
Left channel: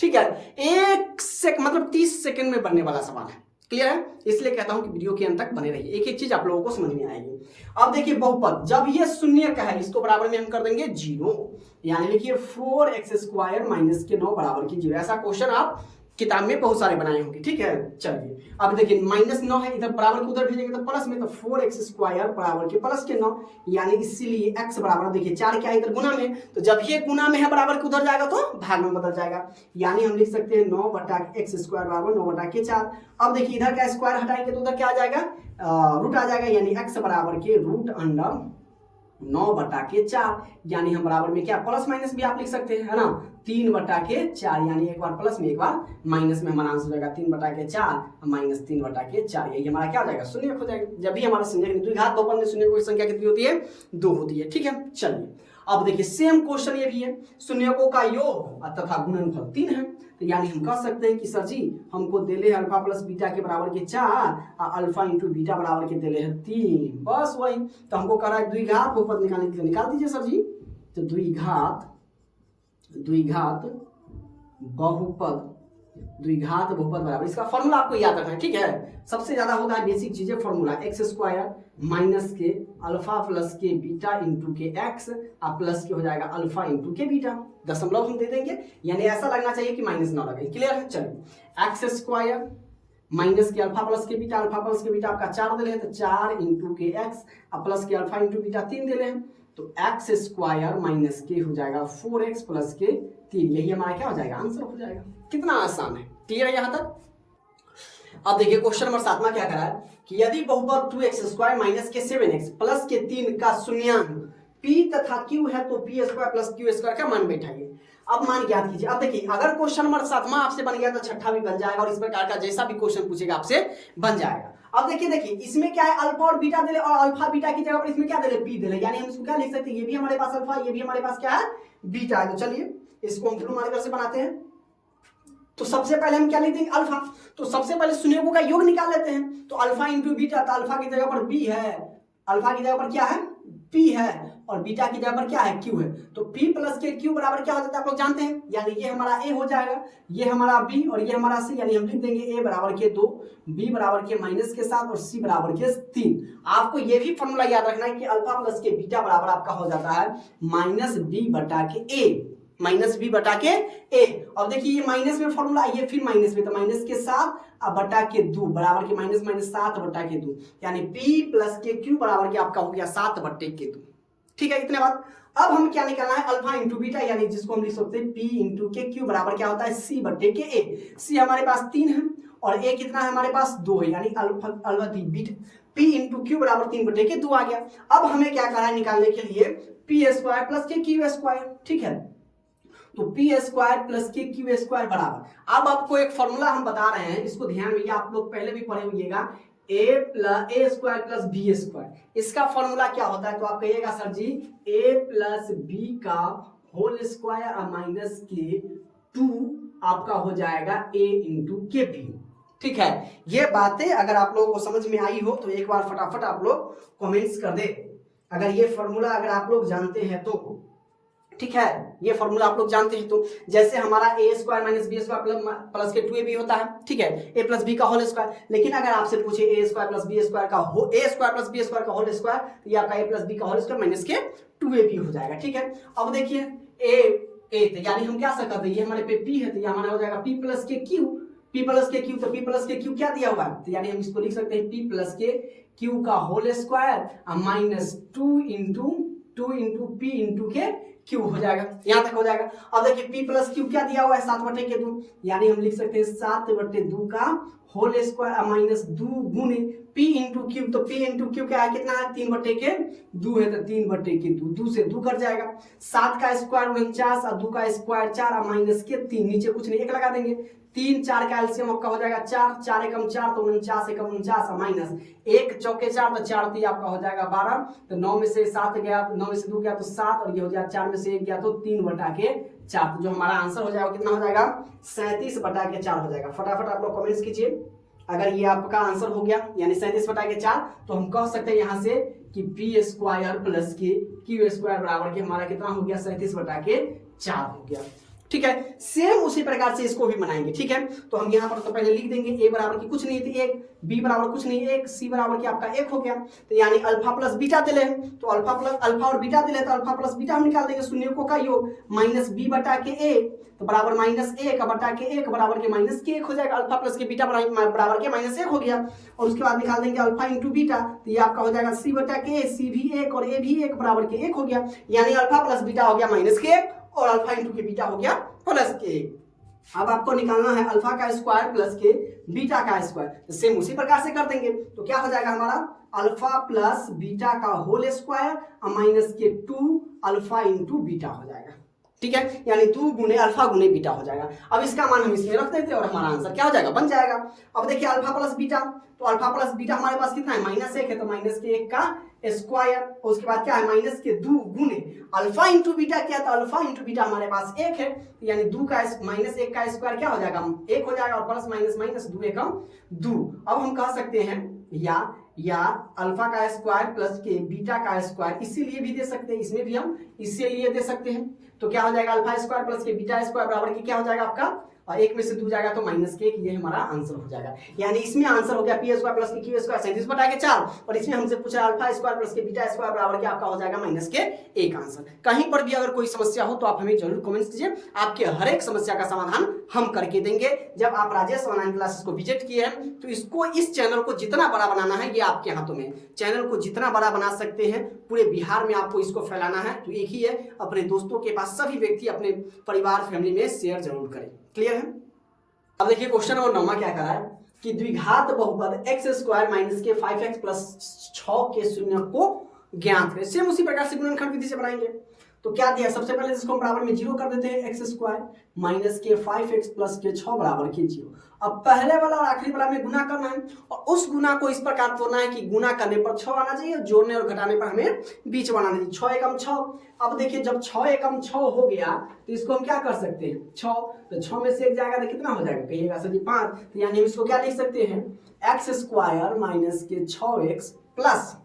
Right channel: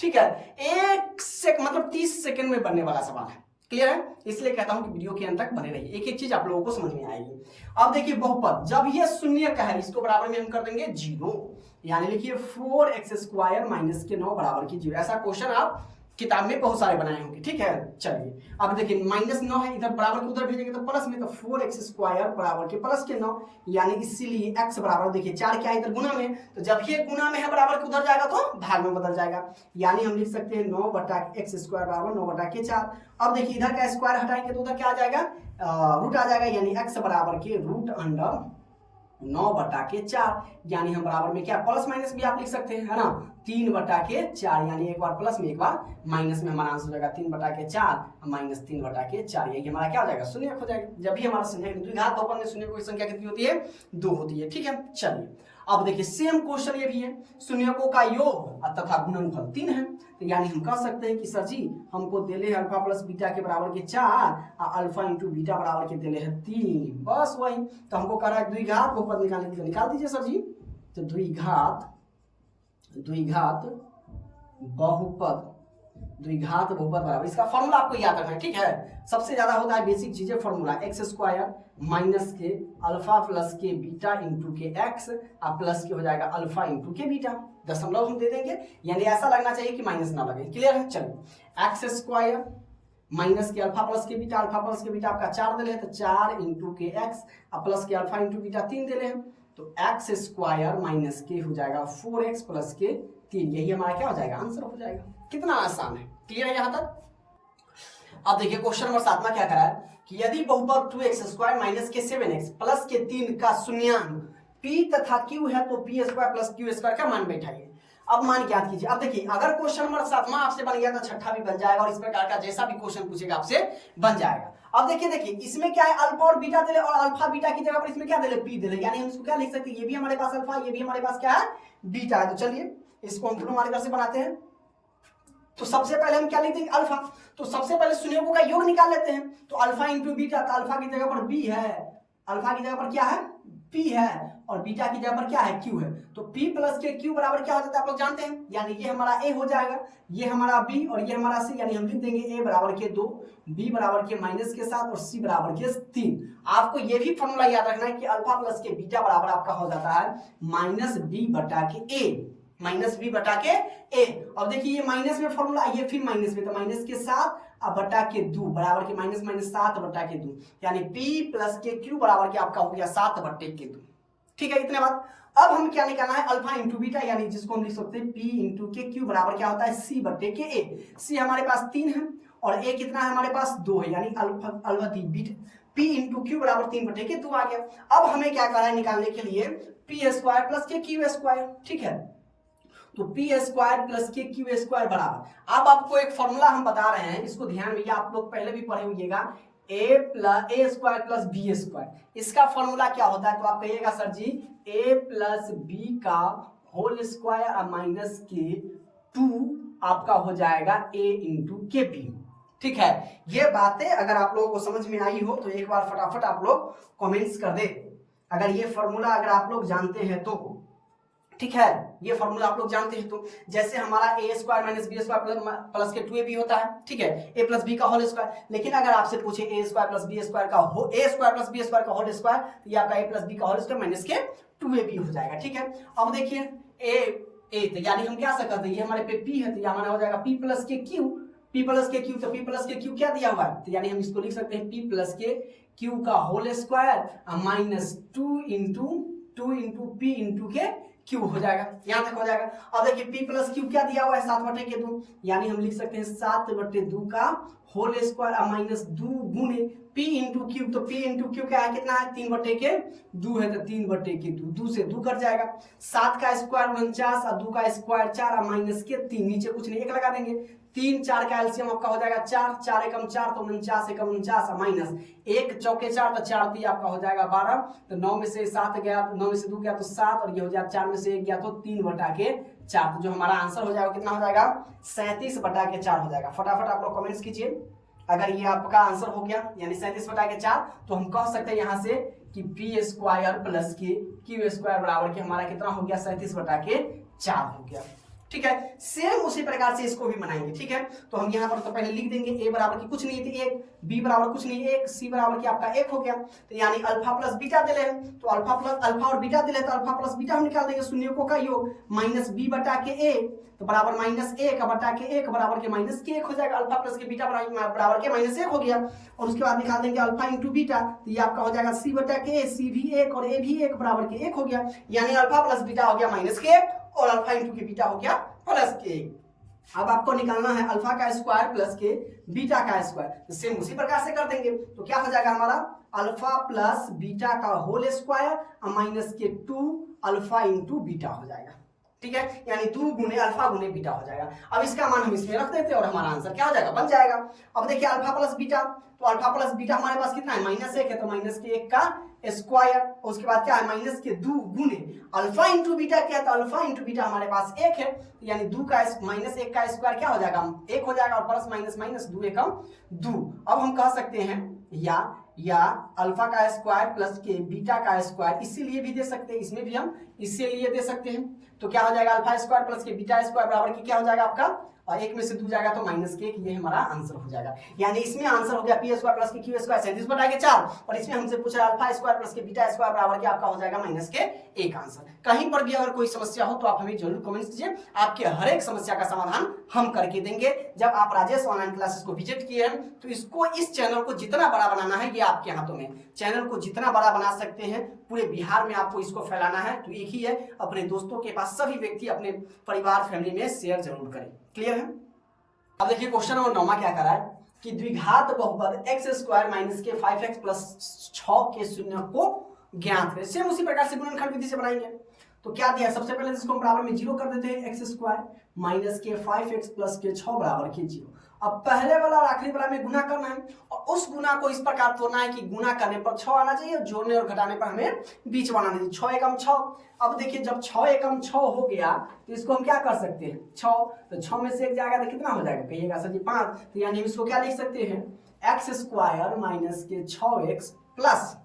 ठीक है, 30 सेकंड में बनने वाला सवाल है। क्लियर है, इसलिए कहता हूं कि वीडियो के अंत तक बने रहिए, एक एक चीज आप लोगों को समझ में आएगी। अब देखिए बहुपद जब ये शून्य का है, इसको बराबर में हम कर देंगे 0, यानी लिखिए 4x स्क्वायर माइनस के 9 बराबर की 0। ऐसा क्वेश्चन आप किताब में बहुत सारे बनाए होंगे, ठीक है। चलिए अब देखिए -9 है, इधर बराबर को उधर भेजेंगे तो प्लस में, तो 4x² बराबर के प्लस के 9, यानी इसीलिए x बराबर देखिए 4 क्या है इधर गुना में, तो जब ये गुना में है बराबर के उधर जाएगा तो भाग में बदल जाएगा, यानी हम लिख सकते हैं 9/x² बराबर 9/4। अब देखिए इधर का स्क्वायर हटाएंगे तो उधर क्या आ जाएगा, रूट आ जाएगा, यानी x बराबर के √9/4, यानी हम बराबर में क्या प्लस माइनस भी आप लिख सकते हैं, है ना, 3/4, यानी एक बार प्लस में एक बार माइनस में हमारा आंसर हो जाएगा 3/4 माइनस 3/4, यही हमारा क्या हो जाएगा, शून्य हो जाएगा। जब भी हमारा शून्य द्विघात बहुपद में शून्य की संख्या कितनी होती है, 2 होती है, ठीक है। चलिए अब देखिए सेम क्वेश्चन ये भी है, शून्यकों का योग तथा गुणनफल 3 है, तो यानी हम कह सकते हैं कि सर जी हमको देले है अल्फा प्लस बीटा के बराबर के 4 और अल्फा इंटू बीटा बराबर के देले है 3, बस वही। तो हमको कह रहा है द्विघात बहुपद निकालने के लिए, निकाल दीजिए सर जी। तो द्विघात बहुपद बराबर, इसका फॉर्मूला आपको याद रखना है, ठीक है। सबसे ज्यादा होता है बेसिक चीजें formula, x² minus k alpha plus के बीटा इंटू के x और प्लस के हो जाएगा अल्फा इंटू के बीटा, दशमलव हम दे देंगे, यानी ऐसा लगना चाहिए कि माइनस ना लगे, क्लियर है। चलिए x² minus k alpha plus के बीटा आपका 4 दे रहे हैं, तो 4 इंटू के x और प्लस के अल्फा इंटू बीटा 3 दे रहे हैं, तो x² माइनस के हो जाएगा 4x प्लस के 3, यही हमारा क्या हो जाएगा, आंसर हो जाएगा। कितना आसान है, क्लियर है यहाँ तक। अब देखिए क्वेश्चन नंबर 7 क्या करा है कि यदि बहुपद 2x² माइनस के 7x प्लस के 3 का शून्यांक p तथा q है तो p² प्लस q² का मान बैठाइए। अब मान ज्ञात कीजिए। अब देखिए अगर क्वेश्चन नंबर 7 आपसे बन गया तो छठा भी बन जाएगा, और इस प्रकार का जैसा भी क्वेश्चन पूछेगा आपसे बन जाएगा। अब देखिए इसमें क्या है, अल्फा और बीटा दे, और अल्फा बीटा की जगह पर इसमें क्या दे, p दे, यानी हम इसको क्या लिख सकते हैं, ये भी हमारे पास अल्फा, ये भी हमारे पास क्या है, बीटा है। तो चलिए इसको हम ब्लू मार्कर से बनाते हैं। तो सबसे पहले हम क्या लिख देंगे, अल्फा। तो सबसे पहले शून्यकों का योग निकाल लेते हैं, तो अल्फा इंटू बीटा, तो अल्फा की जगह पर b है, अल्फा की जगह पर क्या है, p है, और बीटा की जगह पर क्या है, q है। तो p प्लस के q बराबर क्या हो जाता है आप लोग जानते हैं, यानी ये हमारा a हो जाएगा, ये हमारा b और ये हमारा c, यानी हम लिख देंगे a बराबर के 2, b बराबर के -7 और c बराबर के 3। आपको ये भी फॉर्मूला याद रखना है कि अल्फा प्लस के बीटा बराबर आपका हो जाता है -b बटा के a। अब देखिए ये माइनस में फॉर्मूला, ये फिर माइनस में, तो माइनस के 7 बटा के 2 बराबर के -7 बटा के 2, यानी p प्लस के q बराबर के आपका हो गया 7 बटे के 2, ठीक है। इतने बात। अब हम क्या निकालना है, अल्फा इंटू बीटा, यानी जिसको हम लिख सकते हैं p इंटू के q बराबर क्या होता है, c बटे के a। c हमारे पास 3 है और a कितना है हमारे पास 2 है, यानी alpha beta p into q बराबर 3 बटे के 2 आ गया। अब हमें क्या करना है निकालने के लिए, p² प्लस के q², ठीक है। तो p² प्लस के q² बराबर, अब आपको एक फॉर्मूला हम बता रहे हैं, इसको ध्यान में, आप लोग पहले भी पढ़े होइएगा, a² प्लस b², इसका फॉर्मूला क्या होता है, तो आप कहिएगा सर जी a प्लस b का होल स्क्वायर माइनस के 2 आपका हो जाएगा a इंटू के बी, ठीक है। ये बातें अगर आप लोगों को समझ में आई हो तो एक बार फटाफट आप लोग कमेंट्स कर दे, अगर ये फॉर्मूला अगर आप लोग जानते हैं तो, ठीक है। ये फॉर्मूला आप लोग जानते हैं तो, जैसे हमारा a² माइनस b² प्लस के 2ab होता है, ठीक है, a प्लस b का होल स्क्वायर। लेकिन अगर आपसे पूछे a² प्लस b² का a² प्लस b² का होल स्क्वायर, तो ये आपका a प्लस b का होल स्क्वायर माइनस के 2ab हो जाएगा, ठीक है। अब देखिए a तो यानी हम क्या सकते हैं, ये हमारे पे p है, तो ये हमारा हो जाएगा p प्लस के q, तो p प्लस के q क्या दिया हुआ है, तो यानी हम इसको लिख सकते हैं p प्लस के q का whole square minus 2 into p into के q हो जाएगा, यहां तक हो जाएगा। अब देखिए p प्लस q क्या दिया हुआ है, 7 बटे के 2, यानी हम लिख सकते हैं 7 बटे 2 का होल स्क्वायर माइनस 2 गुने p इंटू q, तो p इंटू q क्या है, कितना है, 3 बटे के 2 है, तो 3 बटे के 2 से 2 कट जाएगा, 7 का स्क्वायर 49 और 2 का स्क्वायर 4 माइनस के 3, नीचे कुछ नहीं 1 लगा देंगे, 3 4 का एलसीएम आपका हो जाएगा 4, 4 एकम 4 तो 49 एकम 49 माइनस 1 चौके 4 तो 4 3 आपका हो जाएगा 12, तो 9 में से 7 गया, 9 में से 2 गया तो 7, और ये हो जाएगा 4 में से 1 गया तो 3 बटा के 4, तो जो हमारा आंसर हो जाएगा कितना हो जाएगा, 37 बटा के 4 हो जाएगा। फटाफट आप लोग कमेंट्स कीजिए अगर ये आपका आंसर हो गया, यानी 37 बटा के 4, तो हम कह सकते हैं यहाँ से कि p² प्लस के q² बराबर के हमारा कितना हो गया, 37 बटा के 4 हो गया। ठीक है। सेम उसी प्रकार से इसको भी बनाएंगे। ठीक है, तो हम यहाँ पर तो पहले लिख देंगे ए बराबर की कुछ नहीं थी एक, बी बराबर कुछ नहीं एक, सी बराबर की आपका एक हो गया। तो यानी अल्फा प्लस बीटा दिले हैं, तो अल्फा और बीटा दिले, तो अल्फा प्लस बीटा हम निकाल देंगे, शून्यों का योग माइनस बी बटा के ए, तो बराबर माइनस एक बटा के एक बराबर के माइनस के एक हो जाएगा। अल्फा प्लस के बीटा बराबर के माइनस एक हो गया, और उसके बाद निकाल देंगे अल्फा इंटू बीटा, तो ये आपका हो जाएगा सी बटा के ए, सी भी एक और ए भी एक बराबर के एक हो गया। यानी अल्फा प्लस बीटा हो गया माइनस के एक और अल्फा इंटू के बीटा हो गया प्लस के। अब आपको निकालना है अल्फा का स्क्वायर प्लस के बीटा का स्क्वायर, तो सेम उसी प्रकार से कर देंगे। तो क्या हो जाएगा हमारा अल्फा प्लस बीटा का होल स्क्वायर माइनस के 2 अल्फा इंटू बीटा हो जाएगा। ठीक है, यानी 2 गुने अल्फा गुने बीटा हो जाएगा। अब इसका मान हम इसमें रख देते हैं और हमारा आंसर क्या हो जाएगा, बन जाएगा। अब देखिए अल्फा प्लस बीटा, तो अल्फा प्लस बीटा हमारे पास कितना है, माइनस एक है, तो माइनस के एक का स्क्वायर, उसके बाद क्या है माइनस के 2 गुने अल्फा इंटू बीटा क्या है, तो अल्फा इंटू बीटा हमारे पास एक है, तो यानी 2 का माइनस 1 का स्क्वायर क्या हो जाएगा, 1 हो जाएगा, और प्लस माइनस माइनस 2 एकम 2। अब हम कह सकते हैं या अल्फा का स्क्वायर प्लस के बीटा का स्क्वायर, इसीलिए भी दे सकते हैं, इसमें भी हम इसीलिए दे सकते हैं। तो क्या हो जाएगा अल्फा स्क्वायर प्लस के बीटा स्क्वायर बराबर की क्या हो जाएगा आपका, और एक में से 2 जाएगा तो माइनस के एक, ये हमारा आंसर हो जाएगा। यानी इसमें आंसर हो गया पी स्क्वायर प्लस के क्यू स्क्वायर 37 बटा के 4, और इसमें हमसे पूछा अल्फा स्क्वायर प्लस के बीटा स्क्वायर बराबर के आपका हो जाएगा माइनस के एक आंसर। कहीं पर भी अगर कोई समस्या हो तो आप हमें जरूर कमेंट्स कीजिए, आपके हर एक समस्या का समाधान हम करके देंगे। जब आप राजेश ऑनलाइन क्लासेस को विजिट किए हैं तो इसको, इस चैनल को जितना बड़ा बनाना है ये आपके हाथों में, चैनल को जितना बड़ा बना सकते हैं, पूरे बिहार में आपको इसको फैलाना है, तो एक ही है, अपने दोस्तों के पास सभी व्यक्ति अपने परिवार फैमिली में शेयर जरूर करें। क्लियर है। अब देखिए क्वेश्चन नंबर 9 क्या करा है कि द्विघात बहुपद एक्स स्क्वायर माइनस के 5x प्लस 6 के शून्य को ज्ञात करें। सेम उसी प्रकार से गुणनखंड विधि से बनाएंगे। तो क्या दिया, सबसे पहले इसको बराबर में 0 कर देते हैं, एक्स स्क्वायर माइनस के 5x प्लस के 6 बराबर के 0। अब पहले वाला और आखिरी वाला में गुना करना है, और उस गुना को इस प्रकार तोड़ना है कि गुना करने पर 6 आना चाहिए, जोड़ने और घटाने पर हमें बीच में आना चाहिए, 6 एकम 6। अब देखिए जब 6 एकम 6 हो गया तो इसको हम क्या कर सकते हैं, 6, तो 6 में से एक जाएगा तो कितना हो जाएगा, कहिएगा सर जी 5, तो यानी इसको क्या लिख सकते हैं, एक्स स्क्वायर माइनस के 6x प्लस,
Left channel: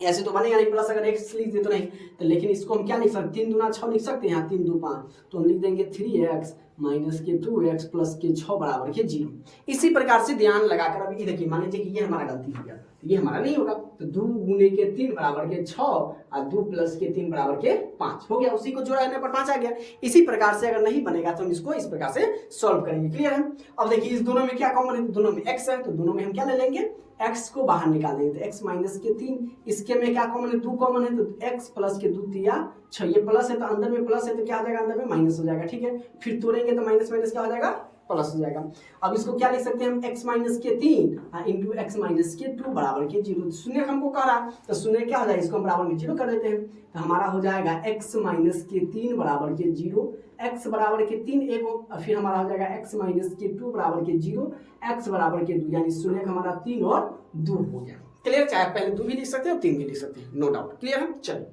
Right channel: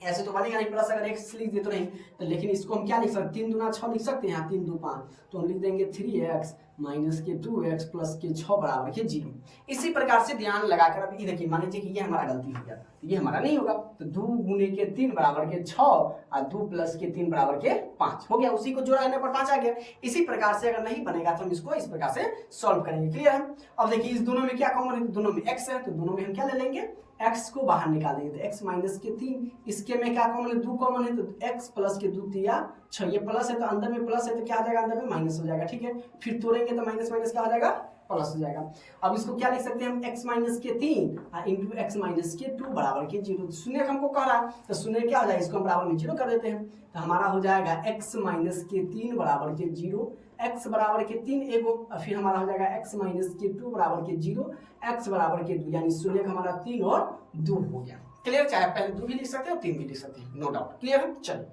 ऐसे तो बनेगा नहीं प्लस, अगर x लिख दे तो नहीं, तो लेकिन इसको हम क्या लिख सकते हैं, 3 दूना 6 लिख सकते हैं, यहाँ 3 2 5, तो हम लिख देंगे 3x माइनस के 2x प्लस के 6 बराबर के 0। इसी प्रकार से ध्यान लगाकर, अभी देखिए मान लीजिए कि ये हमारा गलती हो गया, तो ये हमारा नहीं होगा, तो 2 गुने के 3 बराबर के 6 और 2 प्लस के 3 बराबर के 5 हो गया, उसी को जोड़ा करने पर 5 आ गया। इसी प्रकार से अगर नहीं बनेगा तो हम इसको इस प्रकार से सॉल्व करेंगे। क्लियर है। अब देखिए इस दोनों में क्या कॉमन है, दोनों में x है, तो दोनों में हम क्या ले लेंगे, x को बाहर निकाल देंगे, तो x माइनस के 3, इसके में क्या कॉमन है, 2 कॉमन है, तो x प्लस के 2 तिया 6, ये प्लस है तो अंदर में प्लस है तो क्या हो जाएगा, अंदर में माइनस हो जाएगा। ठीक है, फिर तोड़ेंगे तो माइनस माइनस क्या हो जाएगा, प्लस हो जाएगा। अब इसको क्या लिख सकते हैं हम, x माइनस के 3 इंटू एक्स माइनस के 2 बराबर के 0। शून्य हमको कह रहा है तो शून्य क्या हो जाएगा, इसको हम बराबर में 0 कर देते हैं, तो हमारा हो जाएगा x माइनस के 3 बराबर के 0, x बराबर के 3 एगो, और फिर हमारा हो जाएगा x माइनस के 2 बराबर के 0, x बराबर के 2, यानी शून्य हमारा 3 और 2 हो गया। क्लियर, चाहे पहले 2 भी लिख सकते हैं और 3 भी लिख सकते हैं, नो डाउट। क्लियर है। चलो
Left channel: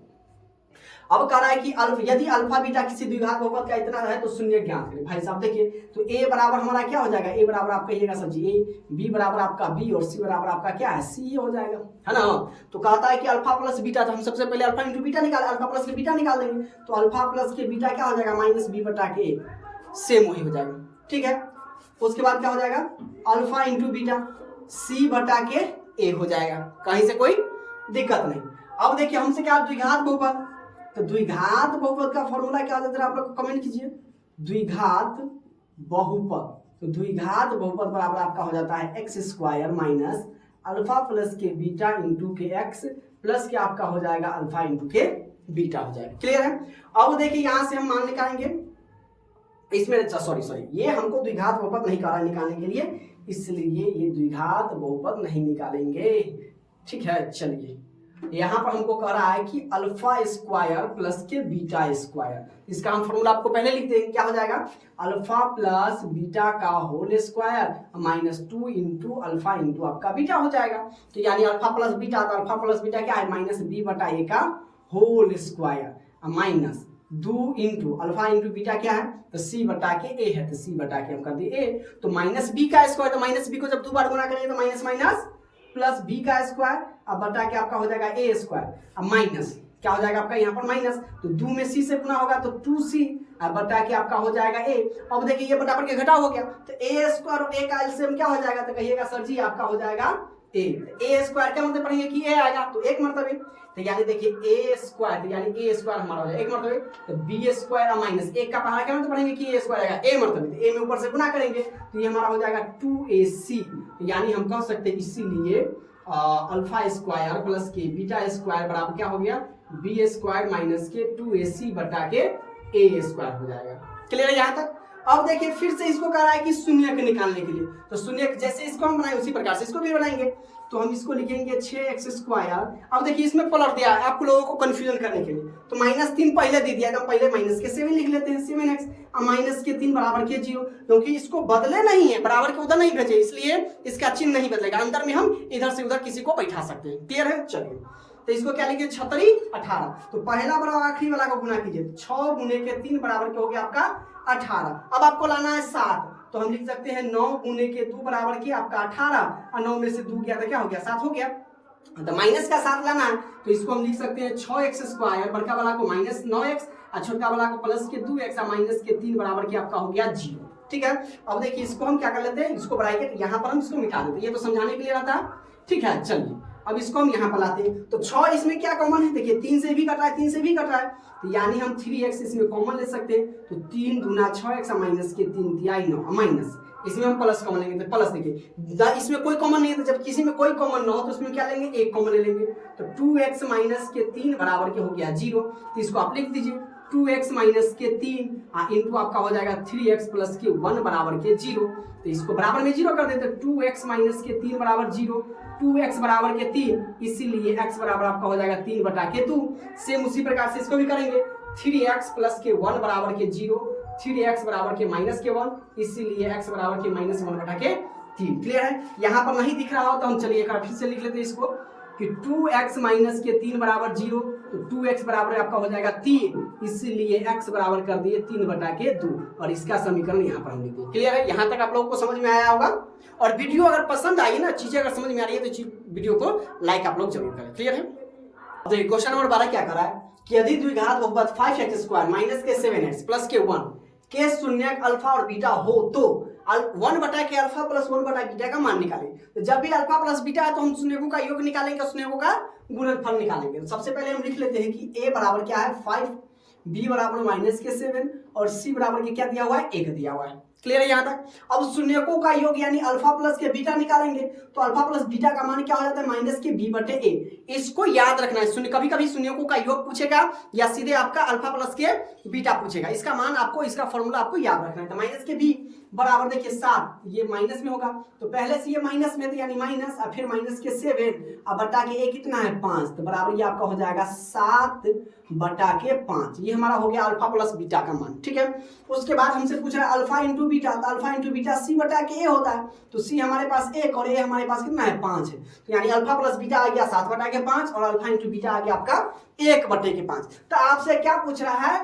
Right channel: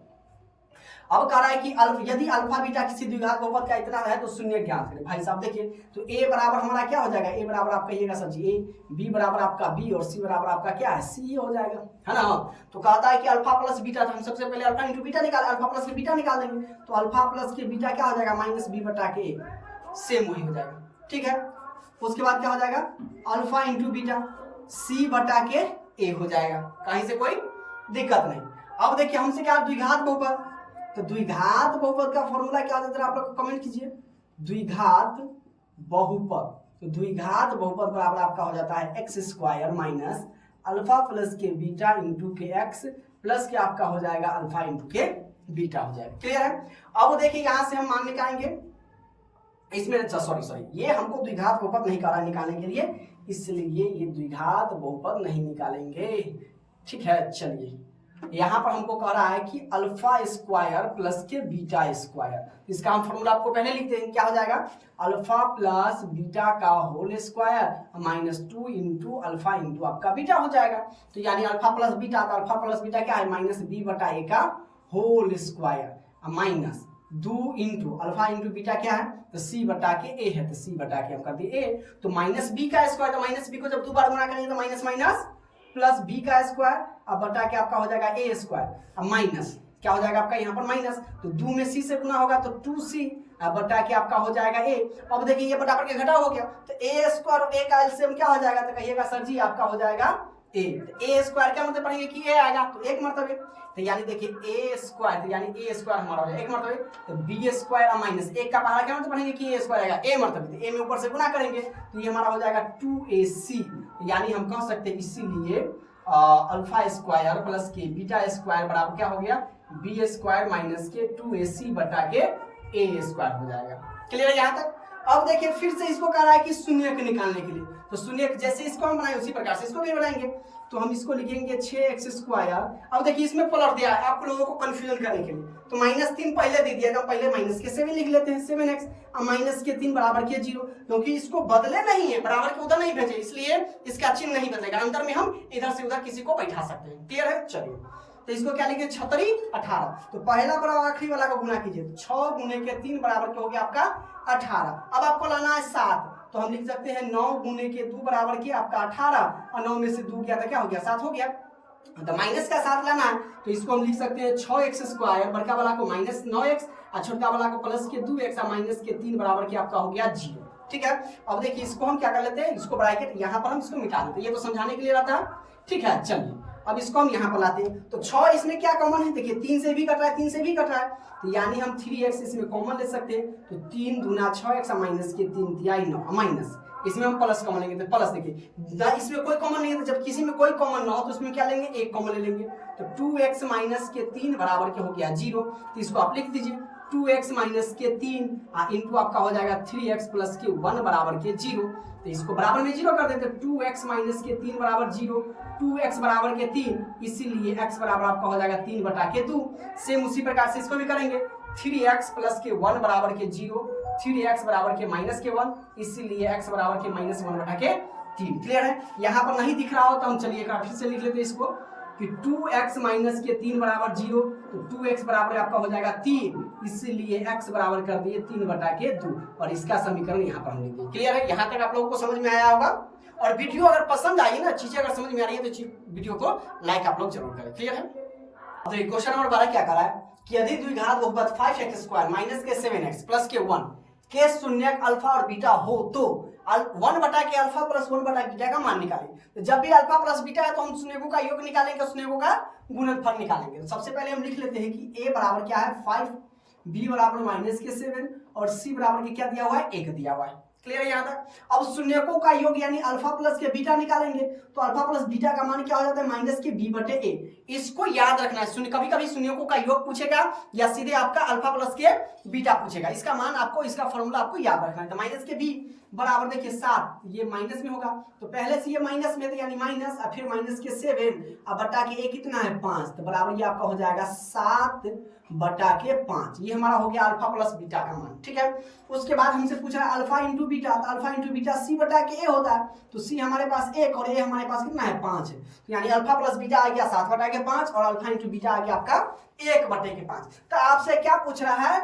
अब कह रहा है कि यदि अल्फा बीटा किसी द्विघात बहुपद का इतना है तो शून्य ज्ञात करें। भाई साहब देखिए, तो a बराबर हमारा क्या हो जाएगा, a बराबर आप कहिएगा सर जी a, b बराबर आपका b, और c बराबर आपका क्या है, c हो जाएगा, है ना। तो कहता है कि अल्फा प्लस बीटा, तो हम सबसे पहले अल्फा इंटू बीटा निकाल, अल्फा प्लस के बीटा निकाल देंगे, तो अल्फा प्लस के बीटा क्या हो जाएगा, माइनस b बटा के 1, सेम वही हो जाएगा। ठीक है, उसके बाद क्या हो जाएगा, अल्फा इंटू बीटा c बटा के a हो जाएगा, कहीं से कोई दिक्कत नहीं। अब देखिए हमसे क्या, द्विघात बहुपद, तो द्विघात बहुपद का फॉर्मूला क्या होता है, आप लोग कमेंट कीजिए। द्विघात बहुपद, तो द्विघात बहुपद बराबर आपका हो जाता है x square minus alpha plus के बीटा इंटू के एक्स प्लस के आपका हो जाएगा अल्फा इंटू के बीटा हो जाएगा। क्लियर है। अब देखिए यहां से हम मान निकालेंगे, इसमें सॉरी ये हमको द्विघात बहुपद नहीं करा निकालने के लिए, इसलिए ये द्विघात बहुपद नहीं निकालेंगे। ठीक है, चलिए यहां पर हमको कह रहा है कि अल्फा स्क्वायर प्लस के बीटा स्क्वायर, इसका हम फॉर्मूला आपको पहले लिख देंगे, क्या हो जाएगा, अल्फा प्लस बीटा का whole square minus 2 into alpha into आपका बीटा हो जाएगा। तो यानी अल्फा प्लस बीटा, तो अल्फा प्लस बीटा क्या है, माइनस b बटा a का whole square minus 2 into alpha into beta क्या है, तो c बटा के a है, तो c बटा के हम कर दिए a, तो माइनस b का स्क्वायर, तो माइनस b को जब 2 बार गुना करेंगे तो माइनस माइनस प्लस b का स्क्वायर, अब बटा के आपका हो जाएगा a स्क्वायर, अब माइनस क्या हो जाएगा आपका यहाँ पर माइनस, तो 2 में c से गुना होगा तो 2c, अब बटा के आपका हो जाएगा a। अब देखिए ये बटा के घटा हो गया तो a स्क्वायर और a का एलसीएम क्या हो जाएगा, तो कहिएगा सर जी आपका हो जाएगा a। a स्क्वायर क्या मतलब पढ़ेंगे कि a आएगा तो एक मरतबे, तो यानी देखिए a स्क्वायर, तो यानी a स्क्वायर हमारा हो जाएगा एक मरतबे, तो b स्क्वायर माइनस एक का पहाड़ा क्या मतलब पढ़ेंगे कि a स्क्वायर आएगा a मरतबे, तो a में ऊपर से गुना करेंगे तो ये हमारा हो जाएगा 2ac। यानी हम कह सकते हैं इसीलिए अल्फा स्क्वायर प्लस के बीटा स्क्वायर बराबर क्या हो गया, बी स्क्वायर माइनस के 2ac बटा के a स्क्वायर हो जाएगा। क्लियर है यहाँ तक। अब देखिए फिर से इसको कह रहा है कि शून्य के निकालने के लिए, तो शून्य जैसे इसको हम बनाए उसी प्रकार से इसको भी बनाएंगे, तो हम इसको लिखेंगे 6x स्क्वायर। अब देखिए इसमें पलट दिया है आप लोगों को कंफ्यूजन करने के लिए, तो -3 पहले दे दिया, तो पहले माइनस के 7 लिख लेते हैं 7x और माइनस के 3 बराबर के 0, क्योंकि इसको बदले नहीं है, बराबर के उधर नहीं भेजे इसलिए इसका चिन्ह नहीं बदलेगा, अंदर में हम इधर से उधर किसी को बैठा सकते हैं। क्लियर है। चलिए तो इसको क्या लिखे 36 18, तो पहला बराबर आखिरी वाला का गुना कीजिए, 6 गुने के 3 बराबर के हो गया आपका 18। अब आपको लाना है 7, तो हम लिख सकते हैं 9 गुने के 2 बराबर के आपका 18 और 9 में से 2 गया तो क्या हो गया 7 हो गया, तो माइनस का 7 लाना है, तो इसको हम लिख सकते हैं 6x स्क्वायर, बड़का वाला को माइनस 9x और छोटा वाला को प्लस के 2x और माइनस के 3 बराबर के आपका हो गया 0। ठीक है। अब देखिए इसको हम क्या कर लेते हैं, इसको ब्रैकेट यहाँ पर हम इसको मिटा देते हैं, ये तो समझाने के लिए रहता है। ठीक है। चलिए अब इसको हम यहाँ पर लाते हैं, तो 6 इसमें क्या कॉमन है, देखिए 3 से भी कट रहा है 3 से भी कट रहा है, तो यानी हम 3x इसमें कॉमन ले सकते हैं, तो 3 दूना 6x माइनस के 3 दिया 9 माइनस, इसमें हम प्लस कॉमन लेंगे तो प्लस, देखिए इसमें कोई कॉमन नहीं है, तो जब किसी में कोई कॉमन ना हो तो उसमें क्या लेंगे एक कॉमन ले लेंगे, तो 2x माइनस के 3 बराबर के हो गया 0, तो इसको आप लिख दीजिए 2x माइनस के 3 इंटू आपका हो जाएगा 3x प्लस के 1 बराबर के 0, तो इसको बराबर में 0 कर देते, 2x माइनस के 3 बराबर 0, 2x बराबर के 3, इसीलिए x बराबर आपका हो जाएगा 3 बटा के 2। सेम उसी प्रकार से इसको भी करेंगे, 3x प्लस के 1 बराबर के 0, 3x बराबर के माइनस के 1, इसीलिए x बराबर के माइनस 1 बटा के 3। क्लियर है। यहाँ पर नहीं दिख रहा हो तो हम चलिए एक बार फिर से लिख लेते हैं इसको कि 2x माइनस के 3 बराबर 0, तो 2x बराबर आपका हो जाएगा 3, इसीलिए x बराबर कर दिए 3 बटा के 2, और इसका समीकरण यहाँ पर हम लिख दिए। क्लियर है। यहाँ तक आप लोगों को समझ में आया होगा, और वीडियो अगर पसंद आई ना, चीजें अगर समझ में आ रही है तो वीडियो को लाइक आप लोग जरूर करें। क्लियर है। तो क्वेश्चन नंबर 12 क्या कर रहा है कि यदि द्विघात बहुपद 5x स्क्वायर माइनस के 7x प्लस के 1 के शून्यक अल्फा और बीटा हो तो 1 बटा के अल्फा प्लस 1 बटा बीटा का मान निकालें। तो जब भी अल्फा प्लस बीटा है तो हम शून्यकों का योग निकालेंगे, शून्यकों का गुणनफल निकालेंगे। तो सबसे पहले हम लिख लेते हैं कि a बराबर क्या है 5, b बराबर माइनस के 7 और c बराबर के क्या दिया हुआ है 1 दिया हुआ है। क्लियर है यहाँ तक। अब शून्यकों का योग यानी अल्फा प्लस के बीटा निकालेंगे, तो अल्फा प्लस बीटा का मान क्या हो जाता है माइनस के b बटे a। इसको याद रखना है, शून्य कभी कभी शून्यकों का योग पूछेगा या सीधे आपका अल्फा प्लस के बीटा पूछेगा, इसका मान आपको, इसका फॉर्मूला आपको याद रखना है। तो माइनस के b बराबर देखिए 7, ये माइनस में होगा तो पहले से ये माइनस में थे यानी माइनस, और फिर माइनस के 7 अब बटा के a कितना है 5, तो बराबर ये आपका हो जाएगा 7 बटा के 5, ये हमारा हो गया अल्फा प्लस बीटा का मान। ठीक है। उसके बाद हमसे पूछ रहा है अल्फा इंटू बीटा, तो अल्फा इंटू बीटा c बटा के a होता है, तो c हमारे पास 1 और a हमारे पास कितना है 5 है, तो यानी अल्फा प्लस बीटा आ गया 7 बटा के 5 और अल्फा इंटू बीटा आ गया आपका 1 बटे के 5। तो आपसे क्या पूछ रहा है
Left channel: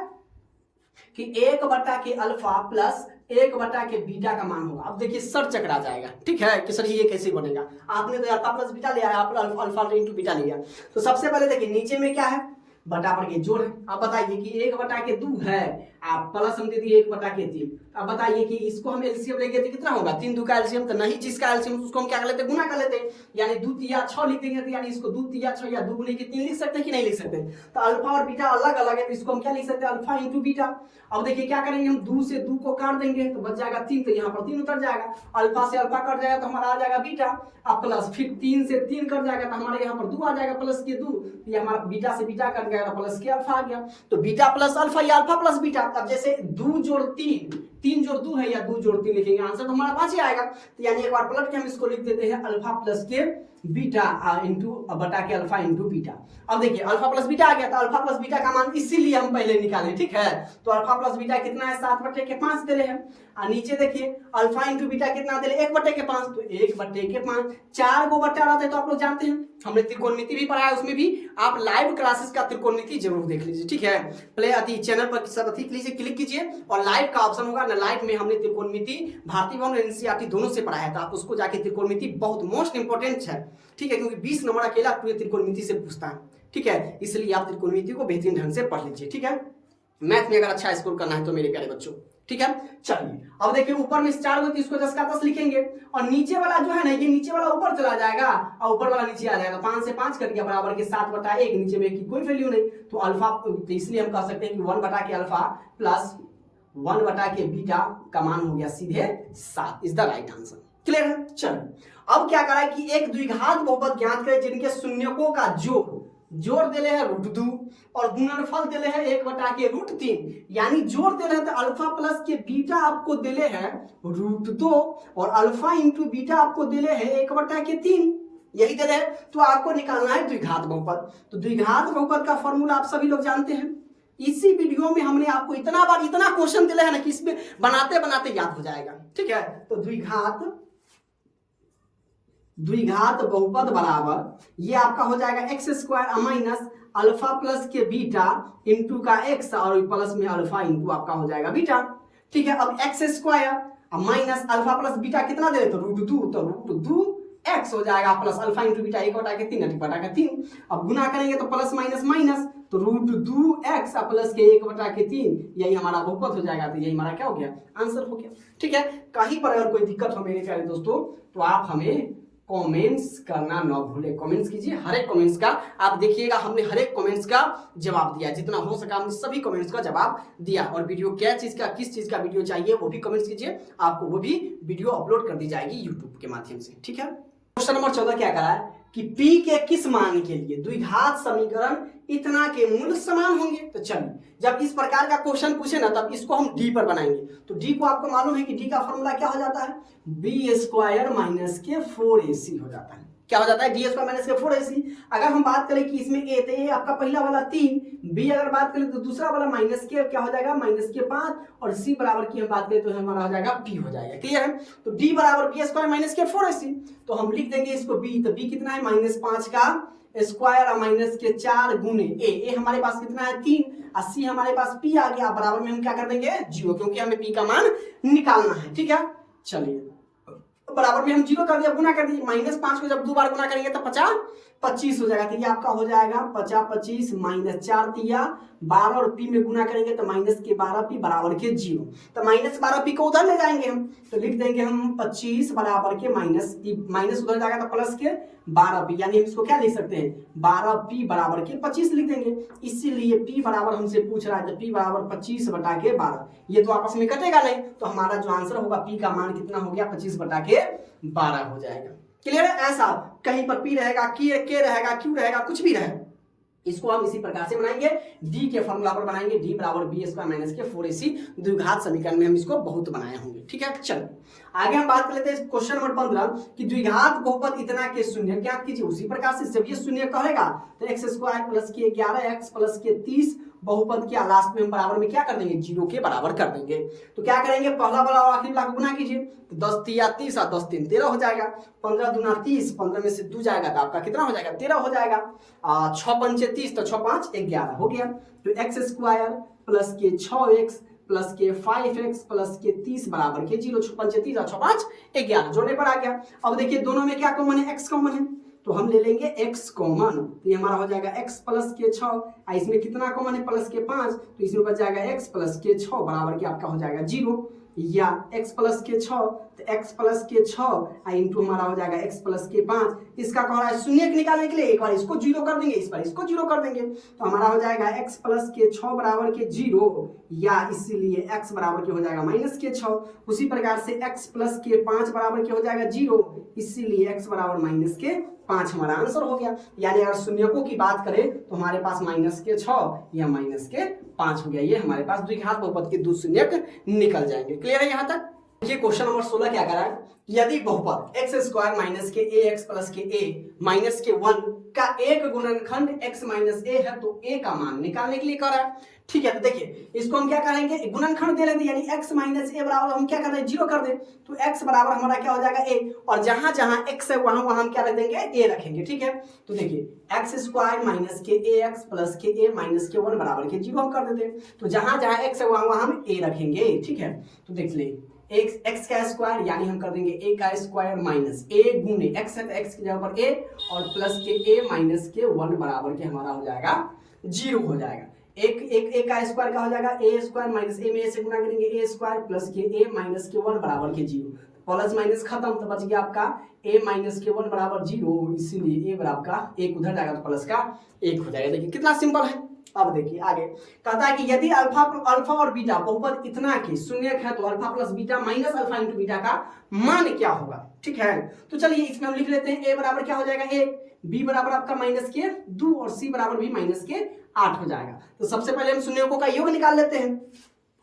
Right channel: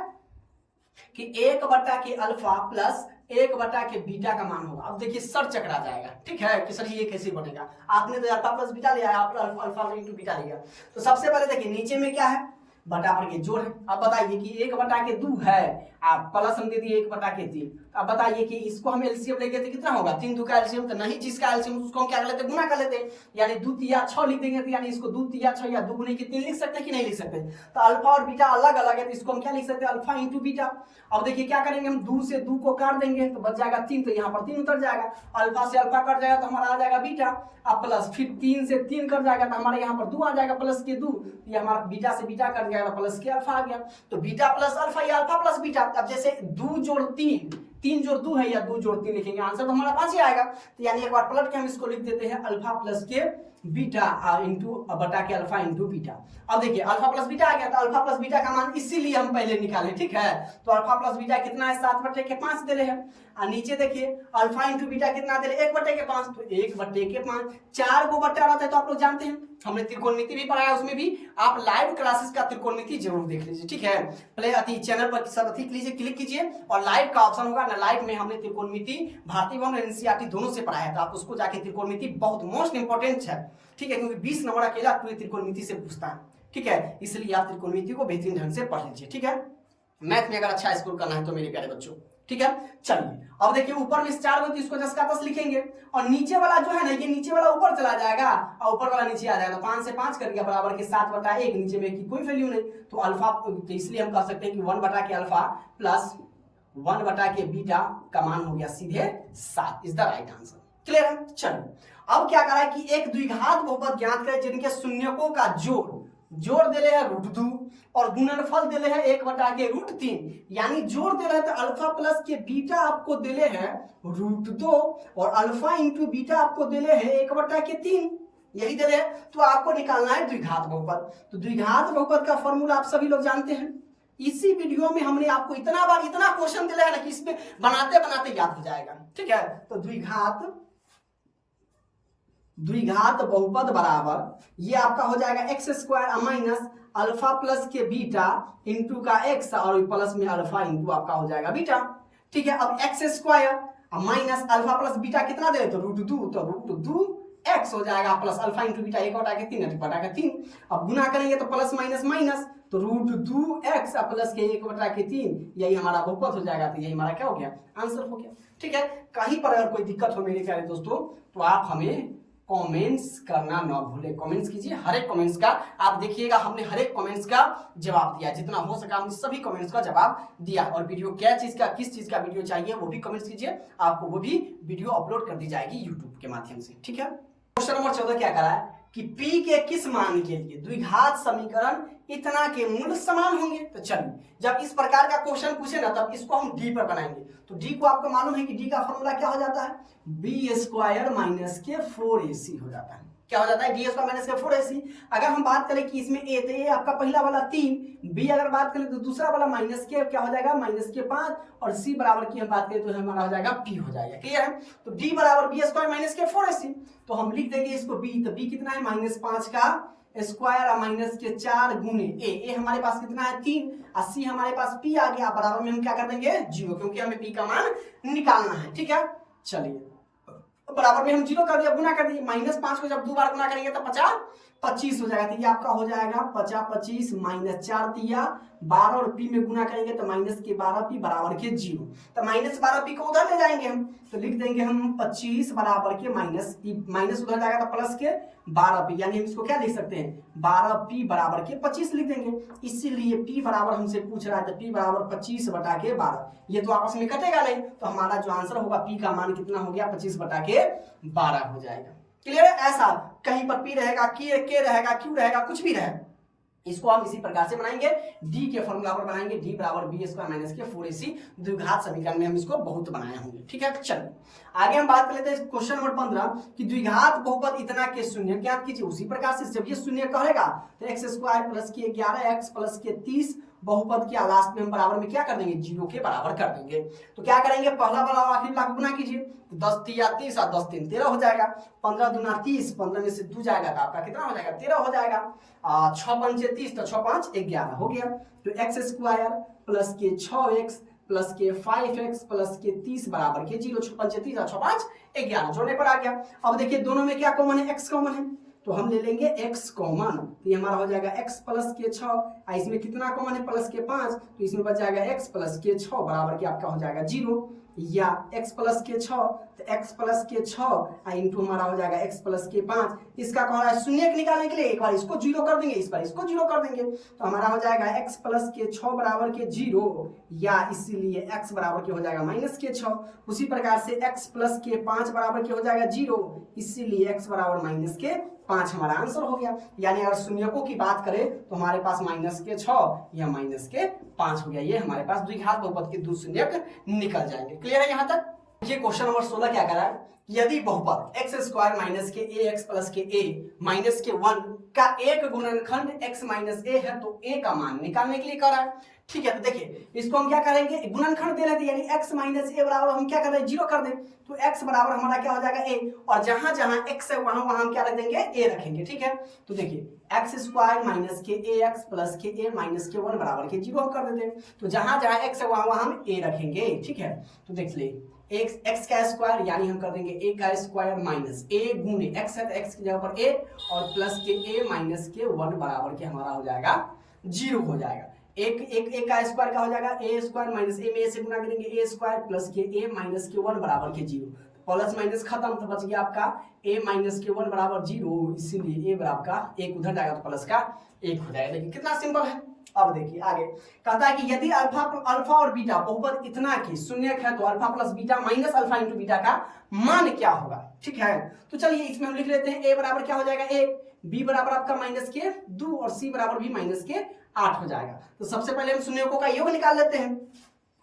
कि 1 बटा के अल्फा प्लस 1 बटा के बीटा का मान होगा। अब देखिए सर चकरा जाएगा। ठीक है कि सर ये कैसे बनेगा, आपने तो अल्फा प्लस बीटा लिया है, आप अल्फा इंटू बीटा लिया। तो सबसे पहले देखिए नीचे में क्या है बटा पर के जोड़ है। अब बताइए कि 1 बटा के 2 है, आप प्लस हम दे दिए 1 बटा के 3। अब बताइए कि इसको हम एलसीएम लेंगे तो कितना होगा 3 2 का एलसीएम, तो नहीं जिसका एलसीएम उसको हम क्या कर लेते गुना कर लेते, यानी 2 3 6 लिख देंगे, तो यानी इसको 2 3 6 या 2 गुने के 3 लिख सकते हैं कि नहीं लिख सकते। तो अल्फा और बीटा अलग अलग है, तो इसको हम क्या लिख सकते हैं अल्फा इंटू बीटा। अब देखिए क्या करेंगे हम 2 से 2 को काट देंगे तो बच जाएगा 3, तो यहाँ पर 3 उतर जाएगा, अल्फा से अल्फा कट जाएगा तो हमारा आ जाएगा बीटा, अब प्लस फिर 3 से 3 कट जाएगा तो हमारे यहाँ पर 2 आ जाएगा प्लस के 2, ये हमारा बीटा से बीटा कट गया प्लस के अल्फा आ गया। तो बीटा प्लस अल्फा या अल्फा प्लस बीटा, अब जैसे 2 जोड़ 3 3 जोड़ 2 है या 2 जोड़ 3 लिखेंगे, आंसर तो हमारा 5 ही आएगा। तो यानी एक बार पलट के हम इसको लिख देते हैं अल्फा प्लस के बीटा इंटू बटा के अल्फा इंटू बीटा। अब देखिए अल्फा प्लस बीटा आ गया, तो अल्फा प्लस बीटा का मान इसीलिए हम पहले निकाले। ठीक है। तो अल्फा प्लस बीटा कितना है 7 बटे के 5 दे रहे हैं, और नीचे देखिए अल्फा इंटू बीटा कितना दे रहे 1 बटे के 5, तो 1 बटे के 5 4 को बटा रहता है, तो आप लोग जानते हैं हमने त्रिकोणमिति भी पढ़ा है, उसमें भी आप लाइव क्लासेस का त्रिकोणमिति जरूर देख लीजिए। ठीक है। प्ले अति चैनल पर सब अति लीजिए, क्लिक कीजिए और लाइव का ऑप्शन होगा ना, लाइव में हमने त्रिकोणमिति भारतीय वन और एनसीईआरटी दोनों से पढ़ा है, तो आप उसको जाके त्रिकोणमिति बहुत मोस्ट इंपॉर्टेंट है। ठीक है, क्योंकि 20 नंबर अकेला पूरे त्रिकोणमिति से पूछता है। ठीक है, इसलिए आप त्रिकोणमिति को बेहतरीन ढंग से पढ़ लीजिए। ठीक है। मैथ में अगर अच्छा स्कोर करना है तो मेरे प्यारे बच्चों, ठीक है। चलिए अब देखिए ऊपर में 4 होती है, इसको 10 का 10 लिखेंगे और नीचे वाला जो है ना, ये नीचे वाला ऊपर चला जाएगा और ऊपर वाला नीचे आ जाएगा, तो 5 से 5 कर दिया बराबर के 7/1, नीचे में की कोई वैल्यू नहीं, तो अल्फा, तो इसलिए हम कह सकते हैं कि 1 के अल्फा प्लस 1 के बीटा का मान हो गया सीधे 7 is the right answer. Clear है। चलो अब क्या करा है कि एक द्विघात बहुपद ज्ञात करें जिनके शून्यकों का जोड़ देले है √2 और गुणनफल देले है 1/√3, यानी जोड़ देले है तो अल्फा प्लस के बीटा आपको देले है √2 और अल्फा इंटू बीटा आपको देले है 1/3, यही देले है। तो आपको निकालना है द्विघात बहुपद। तो द्विघात बहुपद का फॉर्मूला आप सभी लोग जानते हैं, इसी वीडियो में हमने आपको इतना बार इतना क्वेश्चन दिया है ना कि इसमें बनाते बनाते याद हो जाएगा, ठीक है। तो द्विघात बहुपद बराबर ये आपका हो जाएगा x² माइनस अल्फा प्लस के बीटा इंटू का x और प्लस में अल्फा इंटू आपका हो जाएगा बीटा, ठीक है। अब x² minus alpha plus beta कितना दे तो √2, तो √2x हो जाएगा प्लस अल्फा इंटू बीटा 1/3 1/3। अब गुना करेंगे तो प्लस माइनस माइनस, तो √2x प्लस के 1/3, यही हमारा बहुपद हो जाएगा। तो यही हमारा क्या हो गया, आंसर हो गया, ठीक है। कहीं पर अगर कोई दिक्कत हो मेरे प्यारे दोस्तों तो आप हमें कमेंट्स करना ना भूले, कमेंट्स कीजिए। हर एक कमेंट्स का आप देखिएगा, हमने हर एक कमेंट्स का जवाब दिया, जितना हो सका हमने सभी कमेंट्स का जवाब दिया। और वीडियो क्या चीज का, किस चीज का वीडियो चाहिए वो भी कमेंट्स कीजिए, आपको वो भी वीडियो अपलोड कर दी जाएगी यूट्यूब के माध्यम से, ठीक है। क्वेश्चन नंबर 14 क्या करा है कि P के किस मान के लिए द्विघात समीकरण इतना के मूल समान होंगे। तो चलिए जब इस प्रकार का क्वेश्चन पूछे ना तब इसको हम D पर बनाएंगे। तो D को आपको मालूम है कि D का फॉर्मूला क्या हो जाता है, B² माइनस के 4AC हो जाता है। क्या हो जाता है, D² माइनस के 4AC। अगर हम बात करें कि इसमें A, तो ये आपका पहला वाला 3, B अगर बात करें तो दूसरा वाला माइनस के क्या हो जाएगा, माइनस के 5 और C बराबर की हम बात करें तो हमारा हो जाएगा P हो जाएगा। क्लियर है। तो D बराबर B² माइनस के 4AC, तो हम लिख देंगे इसको B। तो B कितना है, -5 का स्क्वायर और माइनस के 4 गुने A हमारे पास कितना है 3 और C हमारे पास P आ गया, बराबर में हम क्या कर देंगे 0, क्योंकि हमें P का मान निकालना है, ठीक है। चलिए बराबर में हम 0 कर दिया, गुना कर दिए, -5 को जब 2 बार गुना करेंगे तो 50 25 हो जाएगा। तो ये आपका हो जाएगा 50 25 -4 दिया 12 और P में गुना करेंगे तो माइनस के 12P बराबर के 0। तो -12P को उधर ले जाएंगे हम, तो लिख देंगे हम 25 बराबर के माइनस उधर जाएगा तो प्लस के 12P, यानी हम इसको क्या लिख सकते हैं 12P बराबर के 25 लिख देंगे। इसीलिए P बराबर हमसे पूछ रहा है तो P बराबर 25/12, ये तो आपस में कटेगा नहीं, तो हमारा जो आंसर होगा P का मान कितना हो गया 25/12 हो जाएगा। क्लियर है। ऐसा कहीं पर P रहेगा, के रहेगा, Q रहेगा, कुछ भी रहे, इसको हम इसी प्रकार से बनाएंगे, D के फॉर्मूला पर बनाएंगे, D बराबर B² माइनस के 4AC। द्विघात समीकरण में हम इसको बहुत बनाए होंगे, ठीक है। चलो आगे हम बात कर लेते हैं क्वेश्चन नंबर 15 कि द्विघात बहुपद इतना के शून्य ज्ञात कीजिए। उसी प्रकार से जब ये शून्य कहेगा तो x² प्लस के 11x प्लस के 30 बहुपद के लास्ट में हम बराबर में क्या कर देंगे 0 के बराबर कर देंगे। तो क्या करेंगे, पहला वाला और आखिरी वाला गुना कीजिए, तो 10 3 30 और 10 3 13 हो जाएगा, 15 दूना 30, 15 में से 2 जाएगा तो आपका कितना हो जाएगा 13 हो जाएगा, 6 पंचे 30 तो 6 5 11 हो गया। तो x² प्लस के 6x प्लस के 5x प्लस के 30 बराबर के 0, 6 पंचे 30 और 6 5 11 जोड़ने पर आ गया। अब देखिए दोनों में क्या कॉमन है, x कॉमन है, तो हम ले लेंगे x कॉमन, तो ये हमारा हो जाएगा x प्लस के 6, इसमें कितना कॉमन है प्लस के 5, तो इसमें बच जाएगा x प्लस के 6 बराबर के आपका हो जाएगा 0, या x प्लस के 6 तो x प्लस के 6 इंटू हमारा हो जाएगा x प्लस के 5। इसका कह रहा है शून्य निकालने के लिए एक बार इसको 0 कर देंगे, इस बार इसको 0 कर देंगे, तो हमारा हो जाएगा x प्लस के 6 बराबर के 0, या इसीलिए x बराबर के हो जाएगा माइनस के 6। उसी प्रकार से x प्लस के 5 बराबर के हो जाएगा 0, इसीलिए x बराबर माइनस के 5 हमारा आंसर हो गया। यानी अगर शून्यकों की बात करें तो हमारे पास माइनस के 6 या माइनस के 5 हो गया, ये हमारे पास द्विघात बहुपद के 2 शून्यक निकल जाएंगे। क्लियर है यहाँ तक। देखिए क्वेश्चन नंबर 16 क्या करा है, यदि बहुपद x² माइनस के ax प्लस के a माइनस के 1 का एक गुणनखंड x माइनस a है तो a का मान निकालने के लिए कह रहा है, ठीक है। तो देखिए इसको हम क्या करेंगे, गुणनखंड दे लेते, यानी x माइनस a बराबर हम क्या कर रहे हैं 0 कर दें, तो x बराबर हमारा क्या हो जाएगा a, और जहां जहां x है वहां वहां हम क्या रख देंगे a रखेंगे, ठीक है। तो देखिए x² माइनस के ax प्लस के a माइनस के 1 बराबर के 0 हम कर देते हैं, तो जहां जहां x है वहां वहां हम a रखेंगे, ठीक है। तो देख ले x का स्क्वायर यानी हम कर देंगे a का स्क्वायर माइनस a गुने x है तो x की जगह पर a और प्लस के a माइनस के 1 बराबर के हमारा हो जाएगा 0 हो जाएगा। एक एक एक का स्क्वायर का हो जाएगा ए स्क्वायर माइनस ए में ए से गुना करेंगे ए स्क्वायर प्लस के ए माइनस के 1 बराबर के 0, प्लस माइनस खत्म तो बच गया आपका a माइनस के 1 बराबर 0, इसीलिए a बराबर का 1 उधर जाएगा तो प्लस का 1 हो जाएगा। देखिए कितना सिंपल है। अब देखिए आगे कहता है कि यदि अल्फा और बीटा बहुपद इतना के शून्य है तो alpha plus beta minus alpha into beta का मान क्या होगा। ठीक है, तो चलिए इसमें हम लिख लेते हैं a बराबर क्या हो जाएगा 1, b बराबर आपका माइनस के 2 और c बराबर भी माइनस के 8 हो जाएगा। तो सबसे पहले हम शून्यकों का योग निकाल लेते हैं।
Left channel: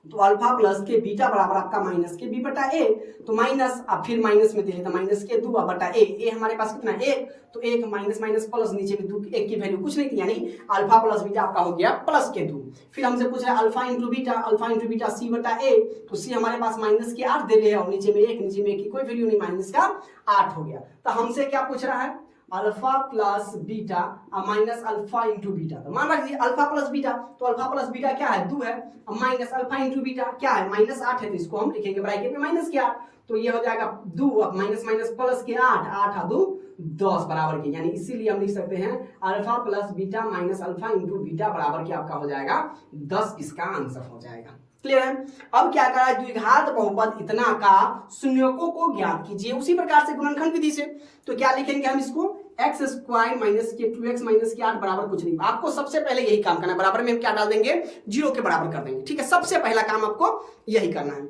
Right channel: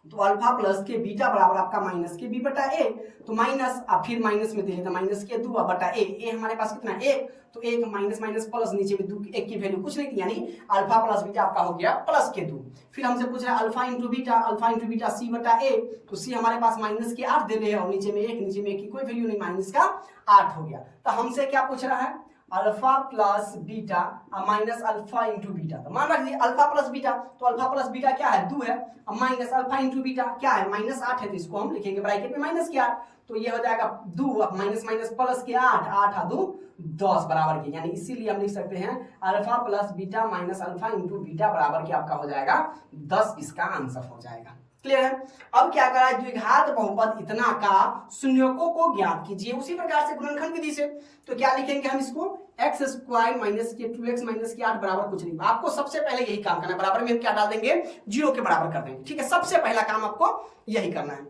तो अल्फा प्लस के बीटा बराबर आपका माइनस के बी बटा ए, तो माइनस अब फिर माइनस में देंगे तो माइनस के 2 बटा ए हमारे पास कितना है 1, तो 1 माइनस माइनस प्लस नीचे में 2 1 की वैल्यू कुछ नहीं थी, यानी अल्फा प्लस बीटा आपका हो गया प्लस के 2। फिर हमसे पूछ रहा है अल्फा इंटू बीटा सी बटा ए, तो सी हमारे पास माइनस के 8 दे रहे हैं और नीचे में 1 की कोई वैल्यू नहीं, माइनस का 8 हो गया। तो हमसे क्या पूछ रहा है alpha plus beta minus alpha into beta, तो मान रख दिए अल्फा प्लस बीटा, तो अल्फा प्लस बीटा क्या है 2 है, अब माइनस अल्फा इंटू बीटा क्या है माइनस 8 है, तो इसको हम लिखेंगे ब्रैकेट में माइनस के 8, तो ये हो जाएगा 2 अब माइनस माइनस प्लस के 8 8 2 10 बराबर के, यानी इसीलिए हम लिख सकते हैं alpha plus beta minus alpha into beta बराबर के आपका हो जाएगा 10, इसका आंसर हो जाएगा। क्लियर है। अब क्या करा है द्विघात बहुपद इतना का शून्यकों को ज्ञात कीजिए, उसी प्रकार से गुणनखंड विधि से। तो क्या लिखेंगे हम इसको एक्स स्क्वायर माइनस के 2x माइनस के 8 बराबर कुछ नहीं। आपको सबसे पहले यही काम करना है, बराबर में हम क्या डाल देंगे 0 के बराबर कर देंगे। ठीक है, सबसे पहला काम आपको यही करना है।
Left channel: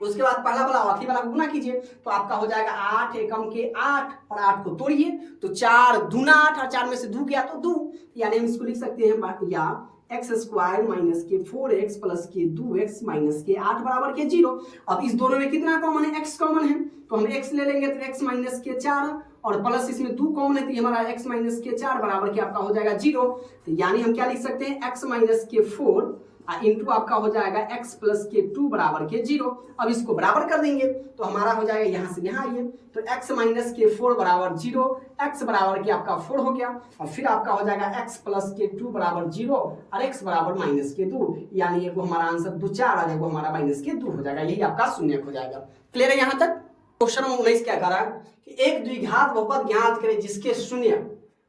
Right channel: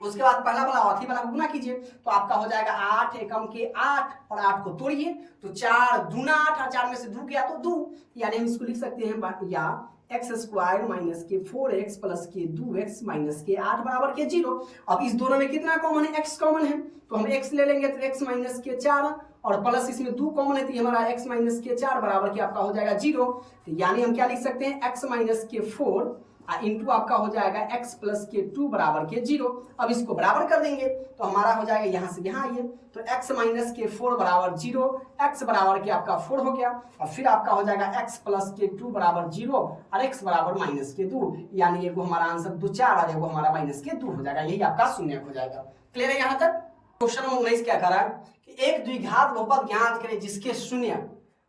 उसके बाद पहला वाला आखिरी वाला गुना कीजिए, तो आपका हो जाएगा 8 एकम के 8 और 8 को तोड़िए तो 4 दूना 8 और 4 में से 2 गया तो 2, यानी हम इसको लिख सकते हैं या एक्स स्क्वायर माइनस के 4x प्लस के 2x माइनस के 8 बराबर के 0। अब इस दोनों में कितना कॉमन है x कॉमन है, तो हम x ले लेंगे तो x माइनस के 4 और प्लस इसमें 2 कॉमन है तो हमारा x माइनस के 4 बराबर के आपका हो जाएगा 0। तो यानी हम क्या लिख सकते हैं x माइनस के 4 इंटू आपका हो जाएगा x प्लस के 2 बराबर के 0। अब इसको बराबर कर देंगे तो हमारा हो जाएगा यहाँ से यहाँ आइए, तो x माइनस के 4 बराबर 0, x बराबर के आपका 4 हो गया और फिर आपका हो जाएगा x प्लस के 2 बराबर 0 और x बराबर माइनस के 2, यानी एगो हमारा आंसर 2 4 और एगो हमारा माइनस के 2 हो जाएगा, यही आपका शून्य हो जाएगा। क्लियर है यहाँ तक। क्वेश्चन नंबर 19 क्या करा कि एक द्विघात बहुपद ज्ञात करें जिसके शून्य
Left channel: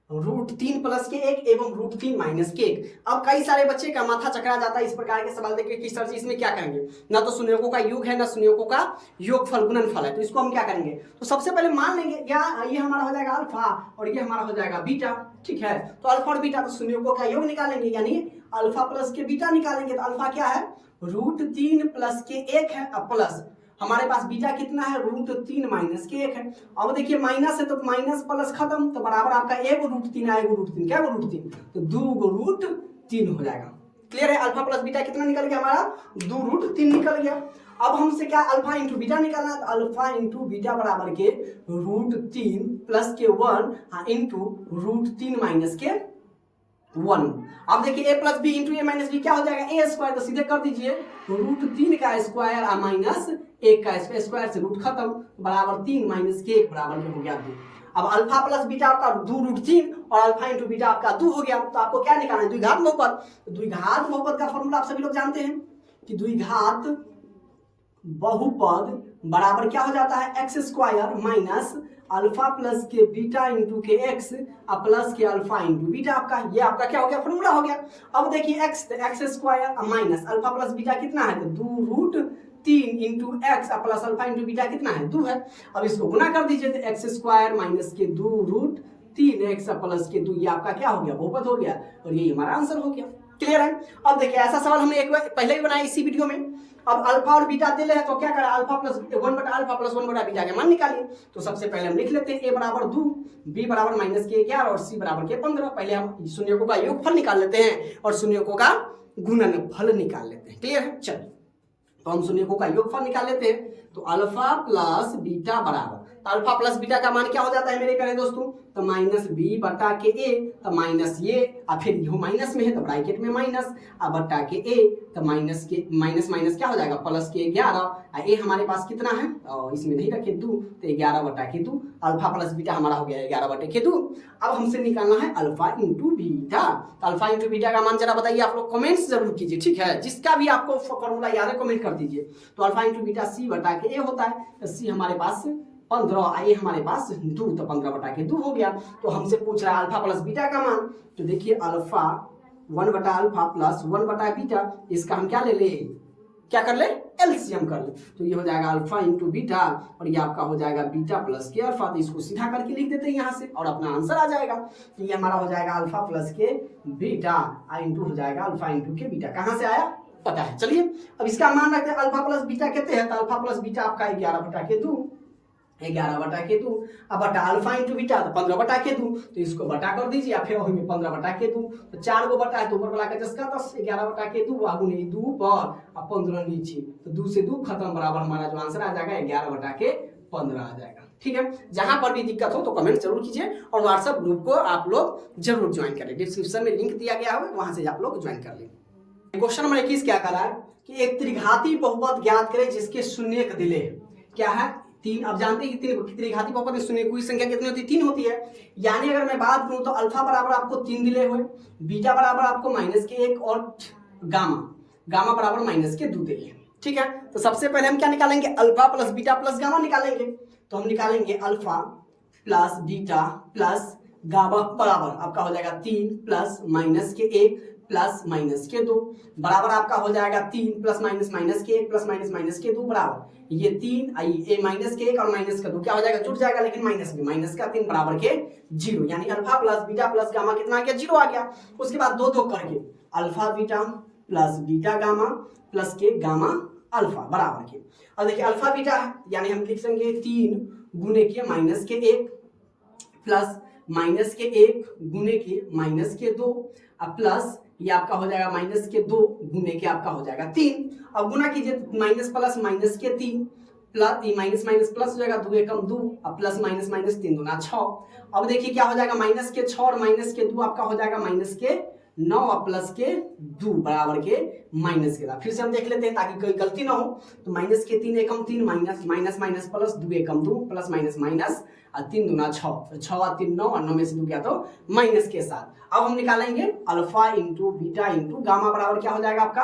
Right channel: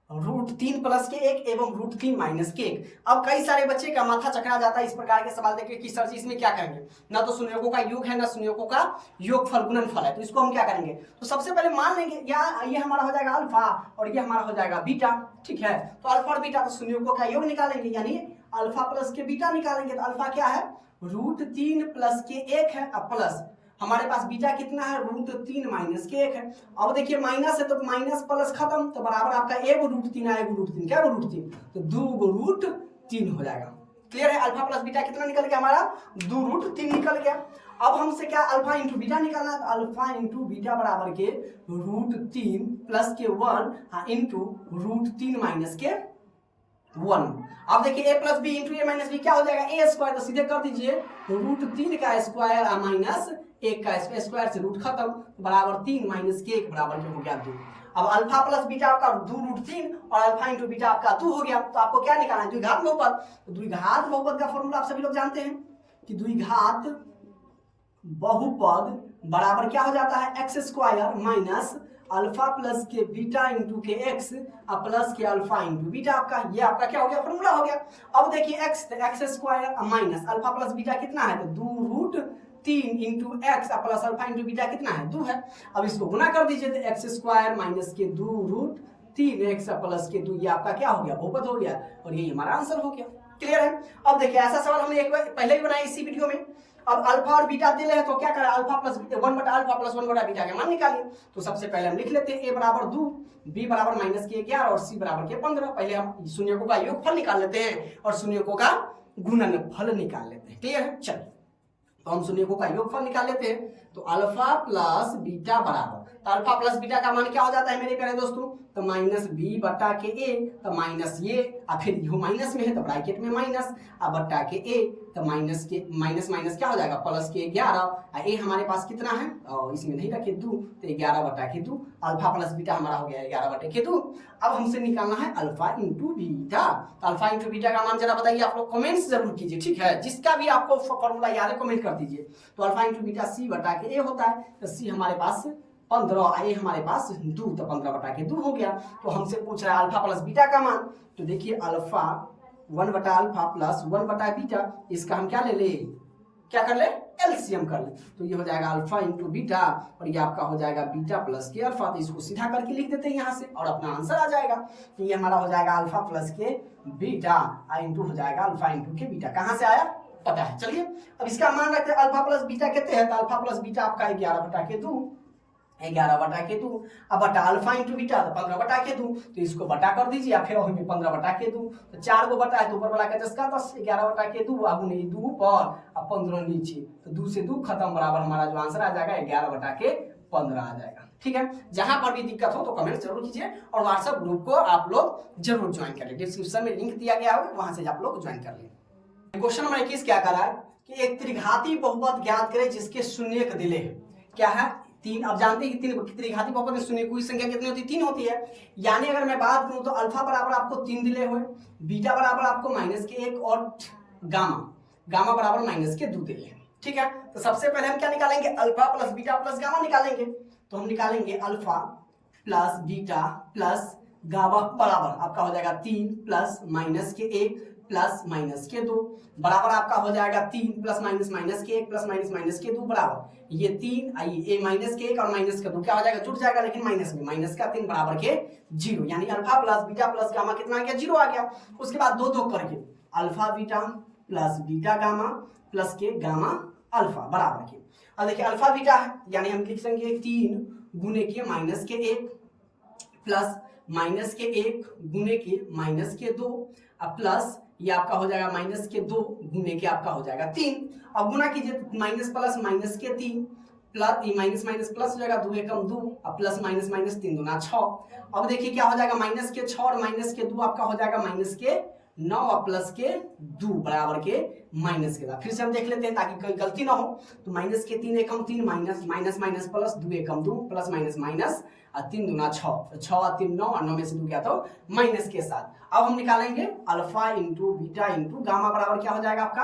√3 प्लस के 1 एवं √3 माइनस के 1। अब कई सारे बच्चे का माथा चकरा जाता है इस प्रकार के सवाल देख के कि सर जी इसमें क्या करेंगे, ना तो शून्यकों का योग है ना शून्यकों का योगफल गुणनफल है, तो इसको हम क्या करेंगे। तो सबसे पहले मान लेंगे ये हमारा हो जाएगा अल्फा और ये हमारा हो जाएगा बीटा। ठीक है, तो अल्फा और बीटा तो शून्यकों का योग निकालेंगे, यानी अल्फा प्लस के बीटा निकालेंगे, तो अल्फा क्या है √3 प्लस के 1 है, अब प्लस हमारे पास बीटा कितना है √3 माइनस के 1 है। अब देखिए माइनस है तो माइनस प्लस खत्म, तो बराबर आपका एगो √3 आएगा √3 क्या √3 तो 2 √3 हो जाएगा। क्लियर है। अल्फा प्लस बीटा कितना निकल गया हमारा 2 √3 निकल गया। अब हमसे क्या अल्फा इंटू बीटा निकालना है, तो अल्फा इंटू बीटा बराबर के √3 प्लस के 1 इंटू √3 माइनस के 1। अब देखिए a plus B into A minus B क्या हो जाएगा ए स्क्वायर, तो सीधे कर दीजिए √3 का स्क्वायर माइनस 1 का स्क्वायर से रूट खत्म बराबर 3 माइनस के 1 बराबर के हो गया 2। अब अल्फा प्लस बीटा आपका 2 √3 और अल्फा इंटू बीटा आपका 2 हो गया। तो आपको क्या निकालना है द्विघात बहुपद। द्विघात बहुपद का फॉर्मूला आप सभी लोग जानते हैं कि द्विघात बहुपद बराबर क्या हो जाता है x square minus alpha plus के बीटा इंटू के एक्स प्लस के अल्फा इंटू बीटा। आपका ये आपका क्या हो गया फॉर्मूला हो गया। अब देखिए x square minus alpha plus beta कितना है तो 2 √3 into x plus alpha into beta कितना है 2 है। अब इसको गुना कर दीजिए तो एक्स स्क्वायर माइनस के 2 √3 एक्स प्लस के 2, ये आपका क्या हो गया बहुपद हो गया और यही हमारा आंसर हो गया। क्लियर है। अब देखिए ऐसा सवाल हमने एक बार पहले ही बनाया इसी वीडियो में। अब अल्फा और बीटा दिले हैं तो क्या करा अल्फा प्लस 1 बटा अल्फा प्लस 1 बटा बीटा के मान निकालिए। तो सबसे पहले हम लिख लेते हैं a बराबर 2, b बराबर माइनस के 11 और c बराबर के 15। पहले हम शून्यकों का योगफल निकाल लेते हैं और शून्यकों का गुणनफल निकाल लेते हैं। क्लियर है। चलिए तो हम शून्यकों का योगफल निकाल लेते हैं। तो अल्फा प्लस बीटा बराबर, तो अल्फा प्लस बीटा का मान क्या हो जाता है मेरे प्यारे दोस्तों, तो माइनस बी बटा के ए, तो माइनस ये और फिर यो माइनस में है तो ब्रैकेट में माइनस अब बटा के ए, तो माइनस के माइनस माइनस क्या हो जाएगा प्लस के 11। ए हमारे पास कितना है और इसमें नहीं रखे 2, तो 11 बटा के 2। अल्फा प्लस बीटा हमारा हो गया 11 बटे के 2। अब हमसे निकालना है alpha into beta. Alpha into beta का मान जरा बताइए आप लोग कमेंट्स जरूर कीजिए। ठीक है, जिसका भी आपको फॉर्मूला याद है कमेंट कर दीजिए। तो अल्फा इंटू बीटा सी बटा के ए होता है, तो सी हमारे पास 15 ए हमारे पास 2, तो 15 बटा के 2 हो गया। तो हमसे पूछ रहा है अल्फा प्लस बीटा का मान। तो देखिए अल्फा 1 बटा अल्फा प्लस 1 बटा बीटा, इसका हम क्या ले ले, क्या कर ले, एलसीएम कर ले। तो ये हो जाएगा अल्फा इंटू बीटा और ये आपका हो जाएगा बीटा प्लस के अल्फा। तो इसको सीधा करके लिख देते हैं यहाँ से और अपना आंसर आ जाएगा। तो ये हमारा हो जाएगा अल्फा प्लस के बीटा इंटू हो जाएगा अल्फा इंटू के बीटा। कहाँ से आया पता है। चलिए अब इसका मान रखते हैं अल्फा प्लस बीटा कहते हैं, तो अल्फा प्लस बीटा आपका 11 बटा के 2, 11 बटा के 2, अब बटा अल्फा इंटू बीटा तो 15 बटा के 2, तो इसको बटा कर दीजिए या फिर में 15 बटा के 2, तो 4 को बटा है तो ऊपर वाला का 10 का 10, 11 बटा के 2 आगू नहीं 2 ऊपर और 15 नीचे, तो 2 से 2 खत्म, बराबर हमारा जो आंसर आ जाएगा 11 बटा के 15 आ जाएगा। ठीक है, जहां पर भी दिक्कत हो तो कमेंट जरूर कीजिए और व्हाट्सएप ग्रुप को आप लोग जरूर ज्वाइन कर ले, डिस्क्रिप्शन में लिंक दिया गया है वहां से आप लोग ज्वाइन कर ले। क्वेश्चन नंबर 21 क्या कर रहा है कि एक त्रिघाती बहुपद ज्ञात करें जिसके शून्य दिले क्या है 3। आप जानते हैं कि त्रिघाती बहुपद में शून्य की संख्या कितनी होती है, 3 होती है। यानी अगर मैं बात करूं तो अल्फा बराबर आपको 3 दिले हुए, बीटा बराबर आपको -1 और गामा बराबर -2 दिले। ठीक है, तो सबसे पहले हम क्या निकालेंगे, alpha plus beta plus gamma निकालेंगे। तो हम निकालेंगे alpha plus beta plus gamma बराबर आपका हो जाएगा 3 प्लस -1 प्लस -2 बराबर आपका हो जाएगा 3 प्लस -1 प्लस -2 बराबर ये 3 ये -1 और -2 क्या हो जाएगा, जुड़ जाएगा लेकिन माइनस में, -3 बराबर के 0, यानी alpha plus beta plus gamma कितना आ गया, 0 आ गया। उसके बाद 2 करके alpha beta plus beta gamma plus k gamma alpha बराबर के। अब देखिए अल्फा बीटा है यानी हम लिख देंगे 3 गुने के -1 प्लस -1 गुने के -2 अब प्लस ये आपका हो जाएगा -2 गुने के आपका हो जाएगा 3। अब गुना कीजिए minus plus -3 plus minus plus हो जाएगा 2 एकम 2 अब प्लस -3 दूना 6। अब देखिए क्या हो जाएगा -6 और -2 आपका हो जाएगा -9 और प्लस के 2 बराबर के -। फिर से हम देख लेते हैं ताकि कोई गलती ना हो। तो -3 एकम 3 माइनस प्लस 2 एकम 2 प्लस माइनस 3 दूना 6, 6 और 3 9 और 9 में से 2 क्या तो माइनस के साथ। अब हम निकालेंगे alpha into beta into gamma बराबर क्या हो जाएगा आपका,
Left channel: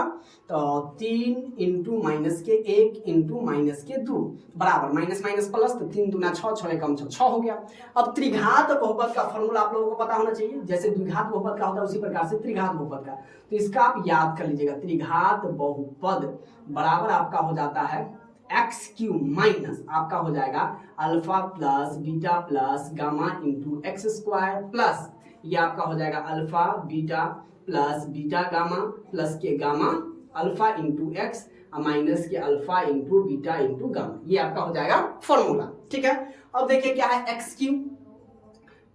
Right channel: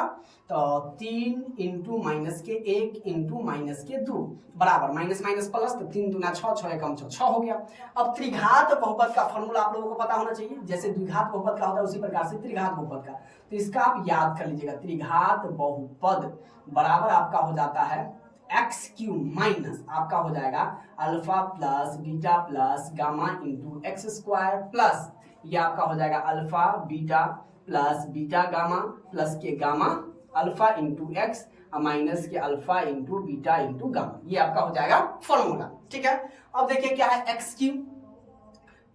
तो 3 इंटू -1 इंटू -2 बराबर माइनस प्लस, तो 3 दूना 6, 6 एकम 6 हो गया। अब त्रिघात बहुपद का फॉर्मूला आप लोगों को पता होना चाहिए, जैसे द्विघात बहुपद का होता है उसी प्रकार से त्रिघात बहुपद का, तो इसका आप याद कर लीजिएगा। त्रिघात बहुपद बराबर आपका हो जाता है x³ माइनस आपका हो जाएगा alpha plus beta plus gamma into x² plus ये आपका हो जाएगा alpha beta plus beta gamma plus k gamma alpha into x minus k alpha into beta into gamma, ये आपका हो जाएगा फॉर्मूला। ठीक है, अब देखिए क्या है x³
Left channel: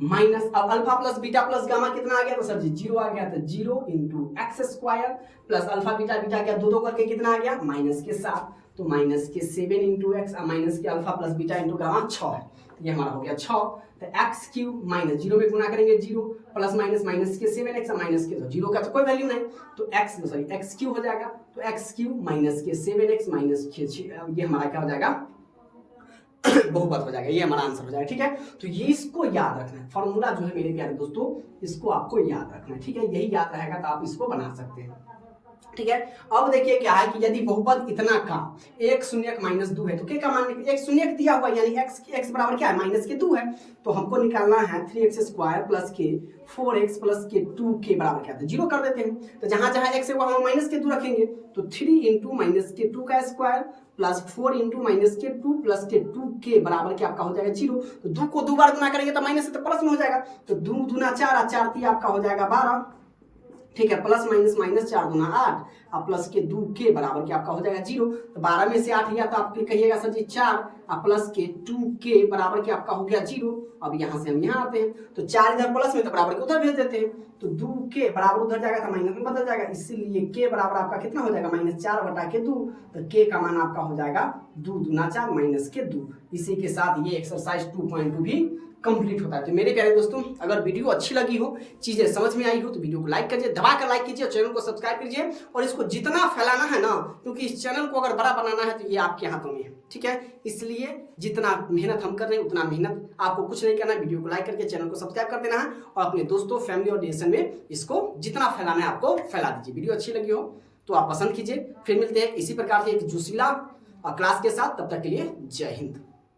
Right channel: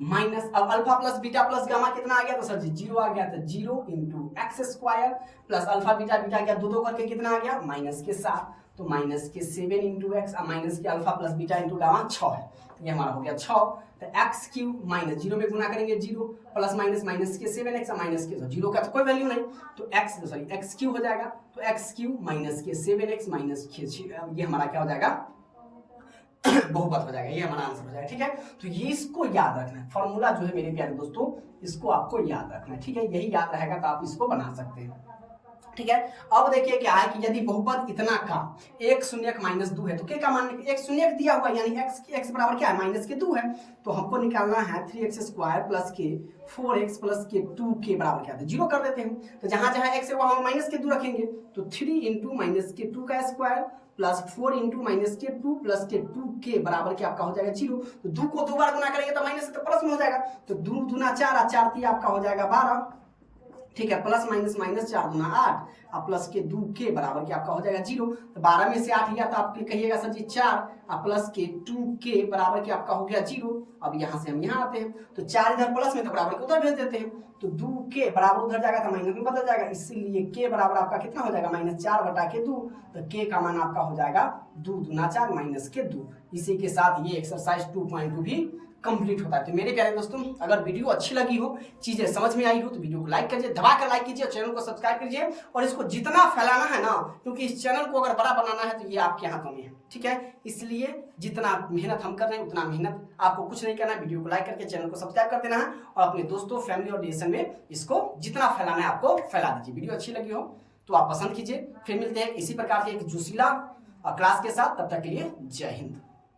माइनस, अब alpha plus beta plus gamma कितना आ गया, तो सर जी 0 आ गया, तो 0 into x² plus alpha beta क्या 2 करके कितना आ गया -7, तो -7 into x minus k alpha plus beta into gamma 6 है, तो ये हमारा हो गया 6। तो x³ माइनस 0 में गुना करेंगे 0 प्लस माइनस के 7x माइनस के 0 का तो कोई वैल्यू नहीं, तो x³ हो जाएगा, तो x³ माइनस के 7x माइनस के 6 ये हमारा क्या हो जाएगा बहुपद हो जाएगा, ये हमारा आंसर हो जाएगा। ठीक है, तो ये इसको याद रखना है, फॉर्मूला जो है मेरे प्यारे दोस्तों इसको आपको याद रखना है। ठीक है, यही याद रहेगा तो आप इसको बना सकते हैं। ठीक है, अब देखिए क्या है कि यदि बहुपद इतना का 1 शून्यक -2 है तो क्या का मान 1 शून्यक दिया हुआ यानी x बराबर क्या है -2 है, तो हमको निकालना है 3x² प्लस के 4x प्लस के 2 के बराबर क्या है 0 कर देते हैं। तो जहां जहां x है वहां -2 रखेंगे, तो 3 इंटू -2 का स्क्वायर प्लस 4 इंटू -2 प्लस के 2 के बराबर क्या आपका हो जाएगा 0। तो 2 को 2 बार गुना करेंगे तो माइनस से तो प्लस में हो जाएगा, तो 2 दूना 4 और 4 3 आपका हो जाएगा 12। ठीक है, प्लस माइनस 4 दूना 8 और प्लस के 2 के बराबर क्या आपका हो जाएगा 0। तो 12 में से 8 गया तो आप कहिएगा सर जी 4 और प्लस के 2 के बराबर क्या आपका हो गया 0। अब यहाँ से हम यहाँ आते हैं तो 4 इधर प्लस में तो बराबर के उधर भेज देते हैं, तो 2 के बराबर उधर जाएगा तो माइनस में बदल जाएगा, इसीलिए के बराबर आपका कितना हो जाएगा -4 बटा के 2। तो के का मान आपका हो जाएगा 2 दूना 4 माइनस के 2। इसी के साथ ये एक्सरसाइज 2.2 भी कंप्लीट होता है। तो मेरे प्यारे दोस्तों अगर वीडियो अच्छी लगी हो, चीजें समझ में आई हो तो वीडियो को लाइक करिए, दबाकर लाइक कीजिए, चैनल को सब्सक्राइब कीजिए और इसको जितना फैलाना है ना, क्योंकि इस चैनल को अगर बड़ा बनाना है तो ये आपके हाथों में है। ठीक है, इसलिए जितना मेहनत हम कर रहे हैं उतना मेहनत आपको कुछ नहीं करना है, वीडियो को लाइक करके चैनल को सब्सक्राइब कर देना है और अपने दोस्तों फैमिली और रिलेशन में इसको जितना फैलाना है आपको फैला दीजिए। वीडियो अच्छी लगी हो तो आप पसंद कीजिए। फिर मिलते हैं इसी प्रकार के एक जोशीला क्लास के साथ, तब तक के लिए जय हिंद।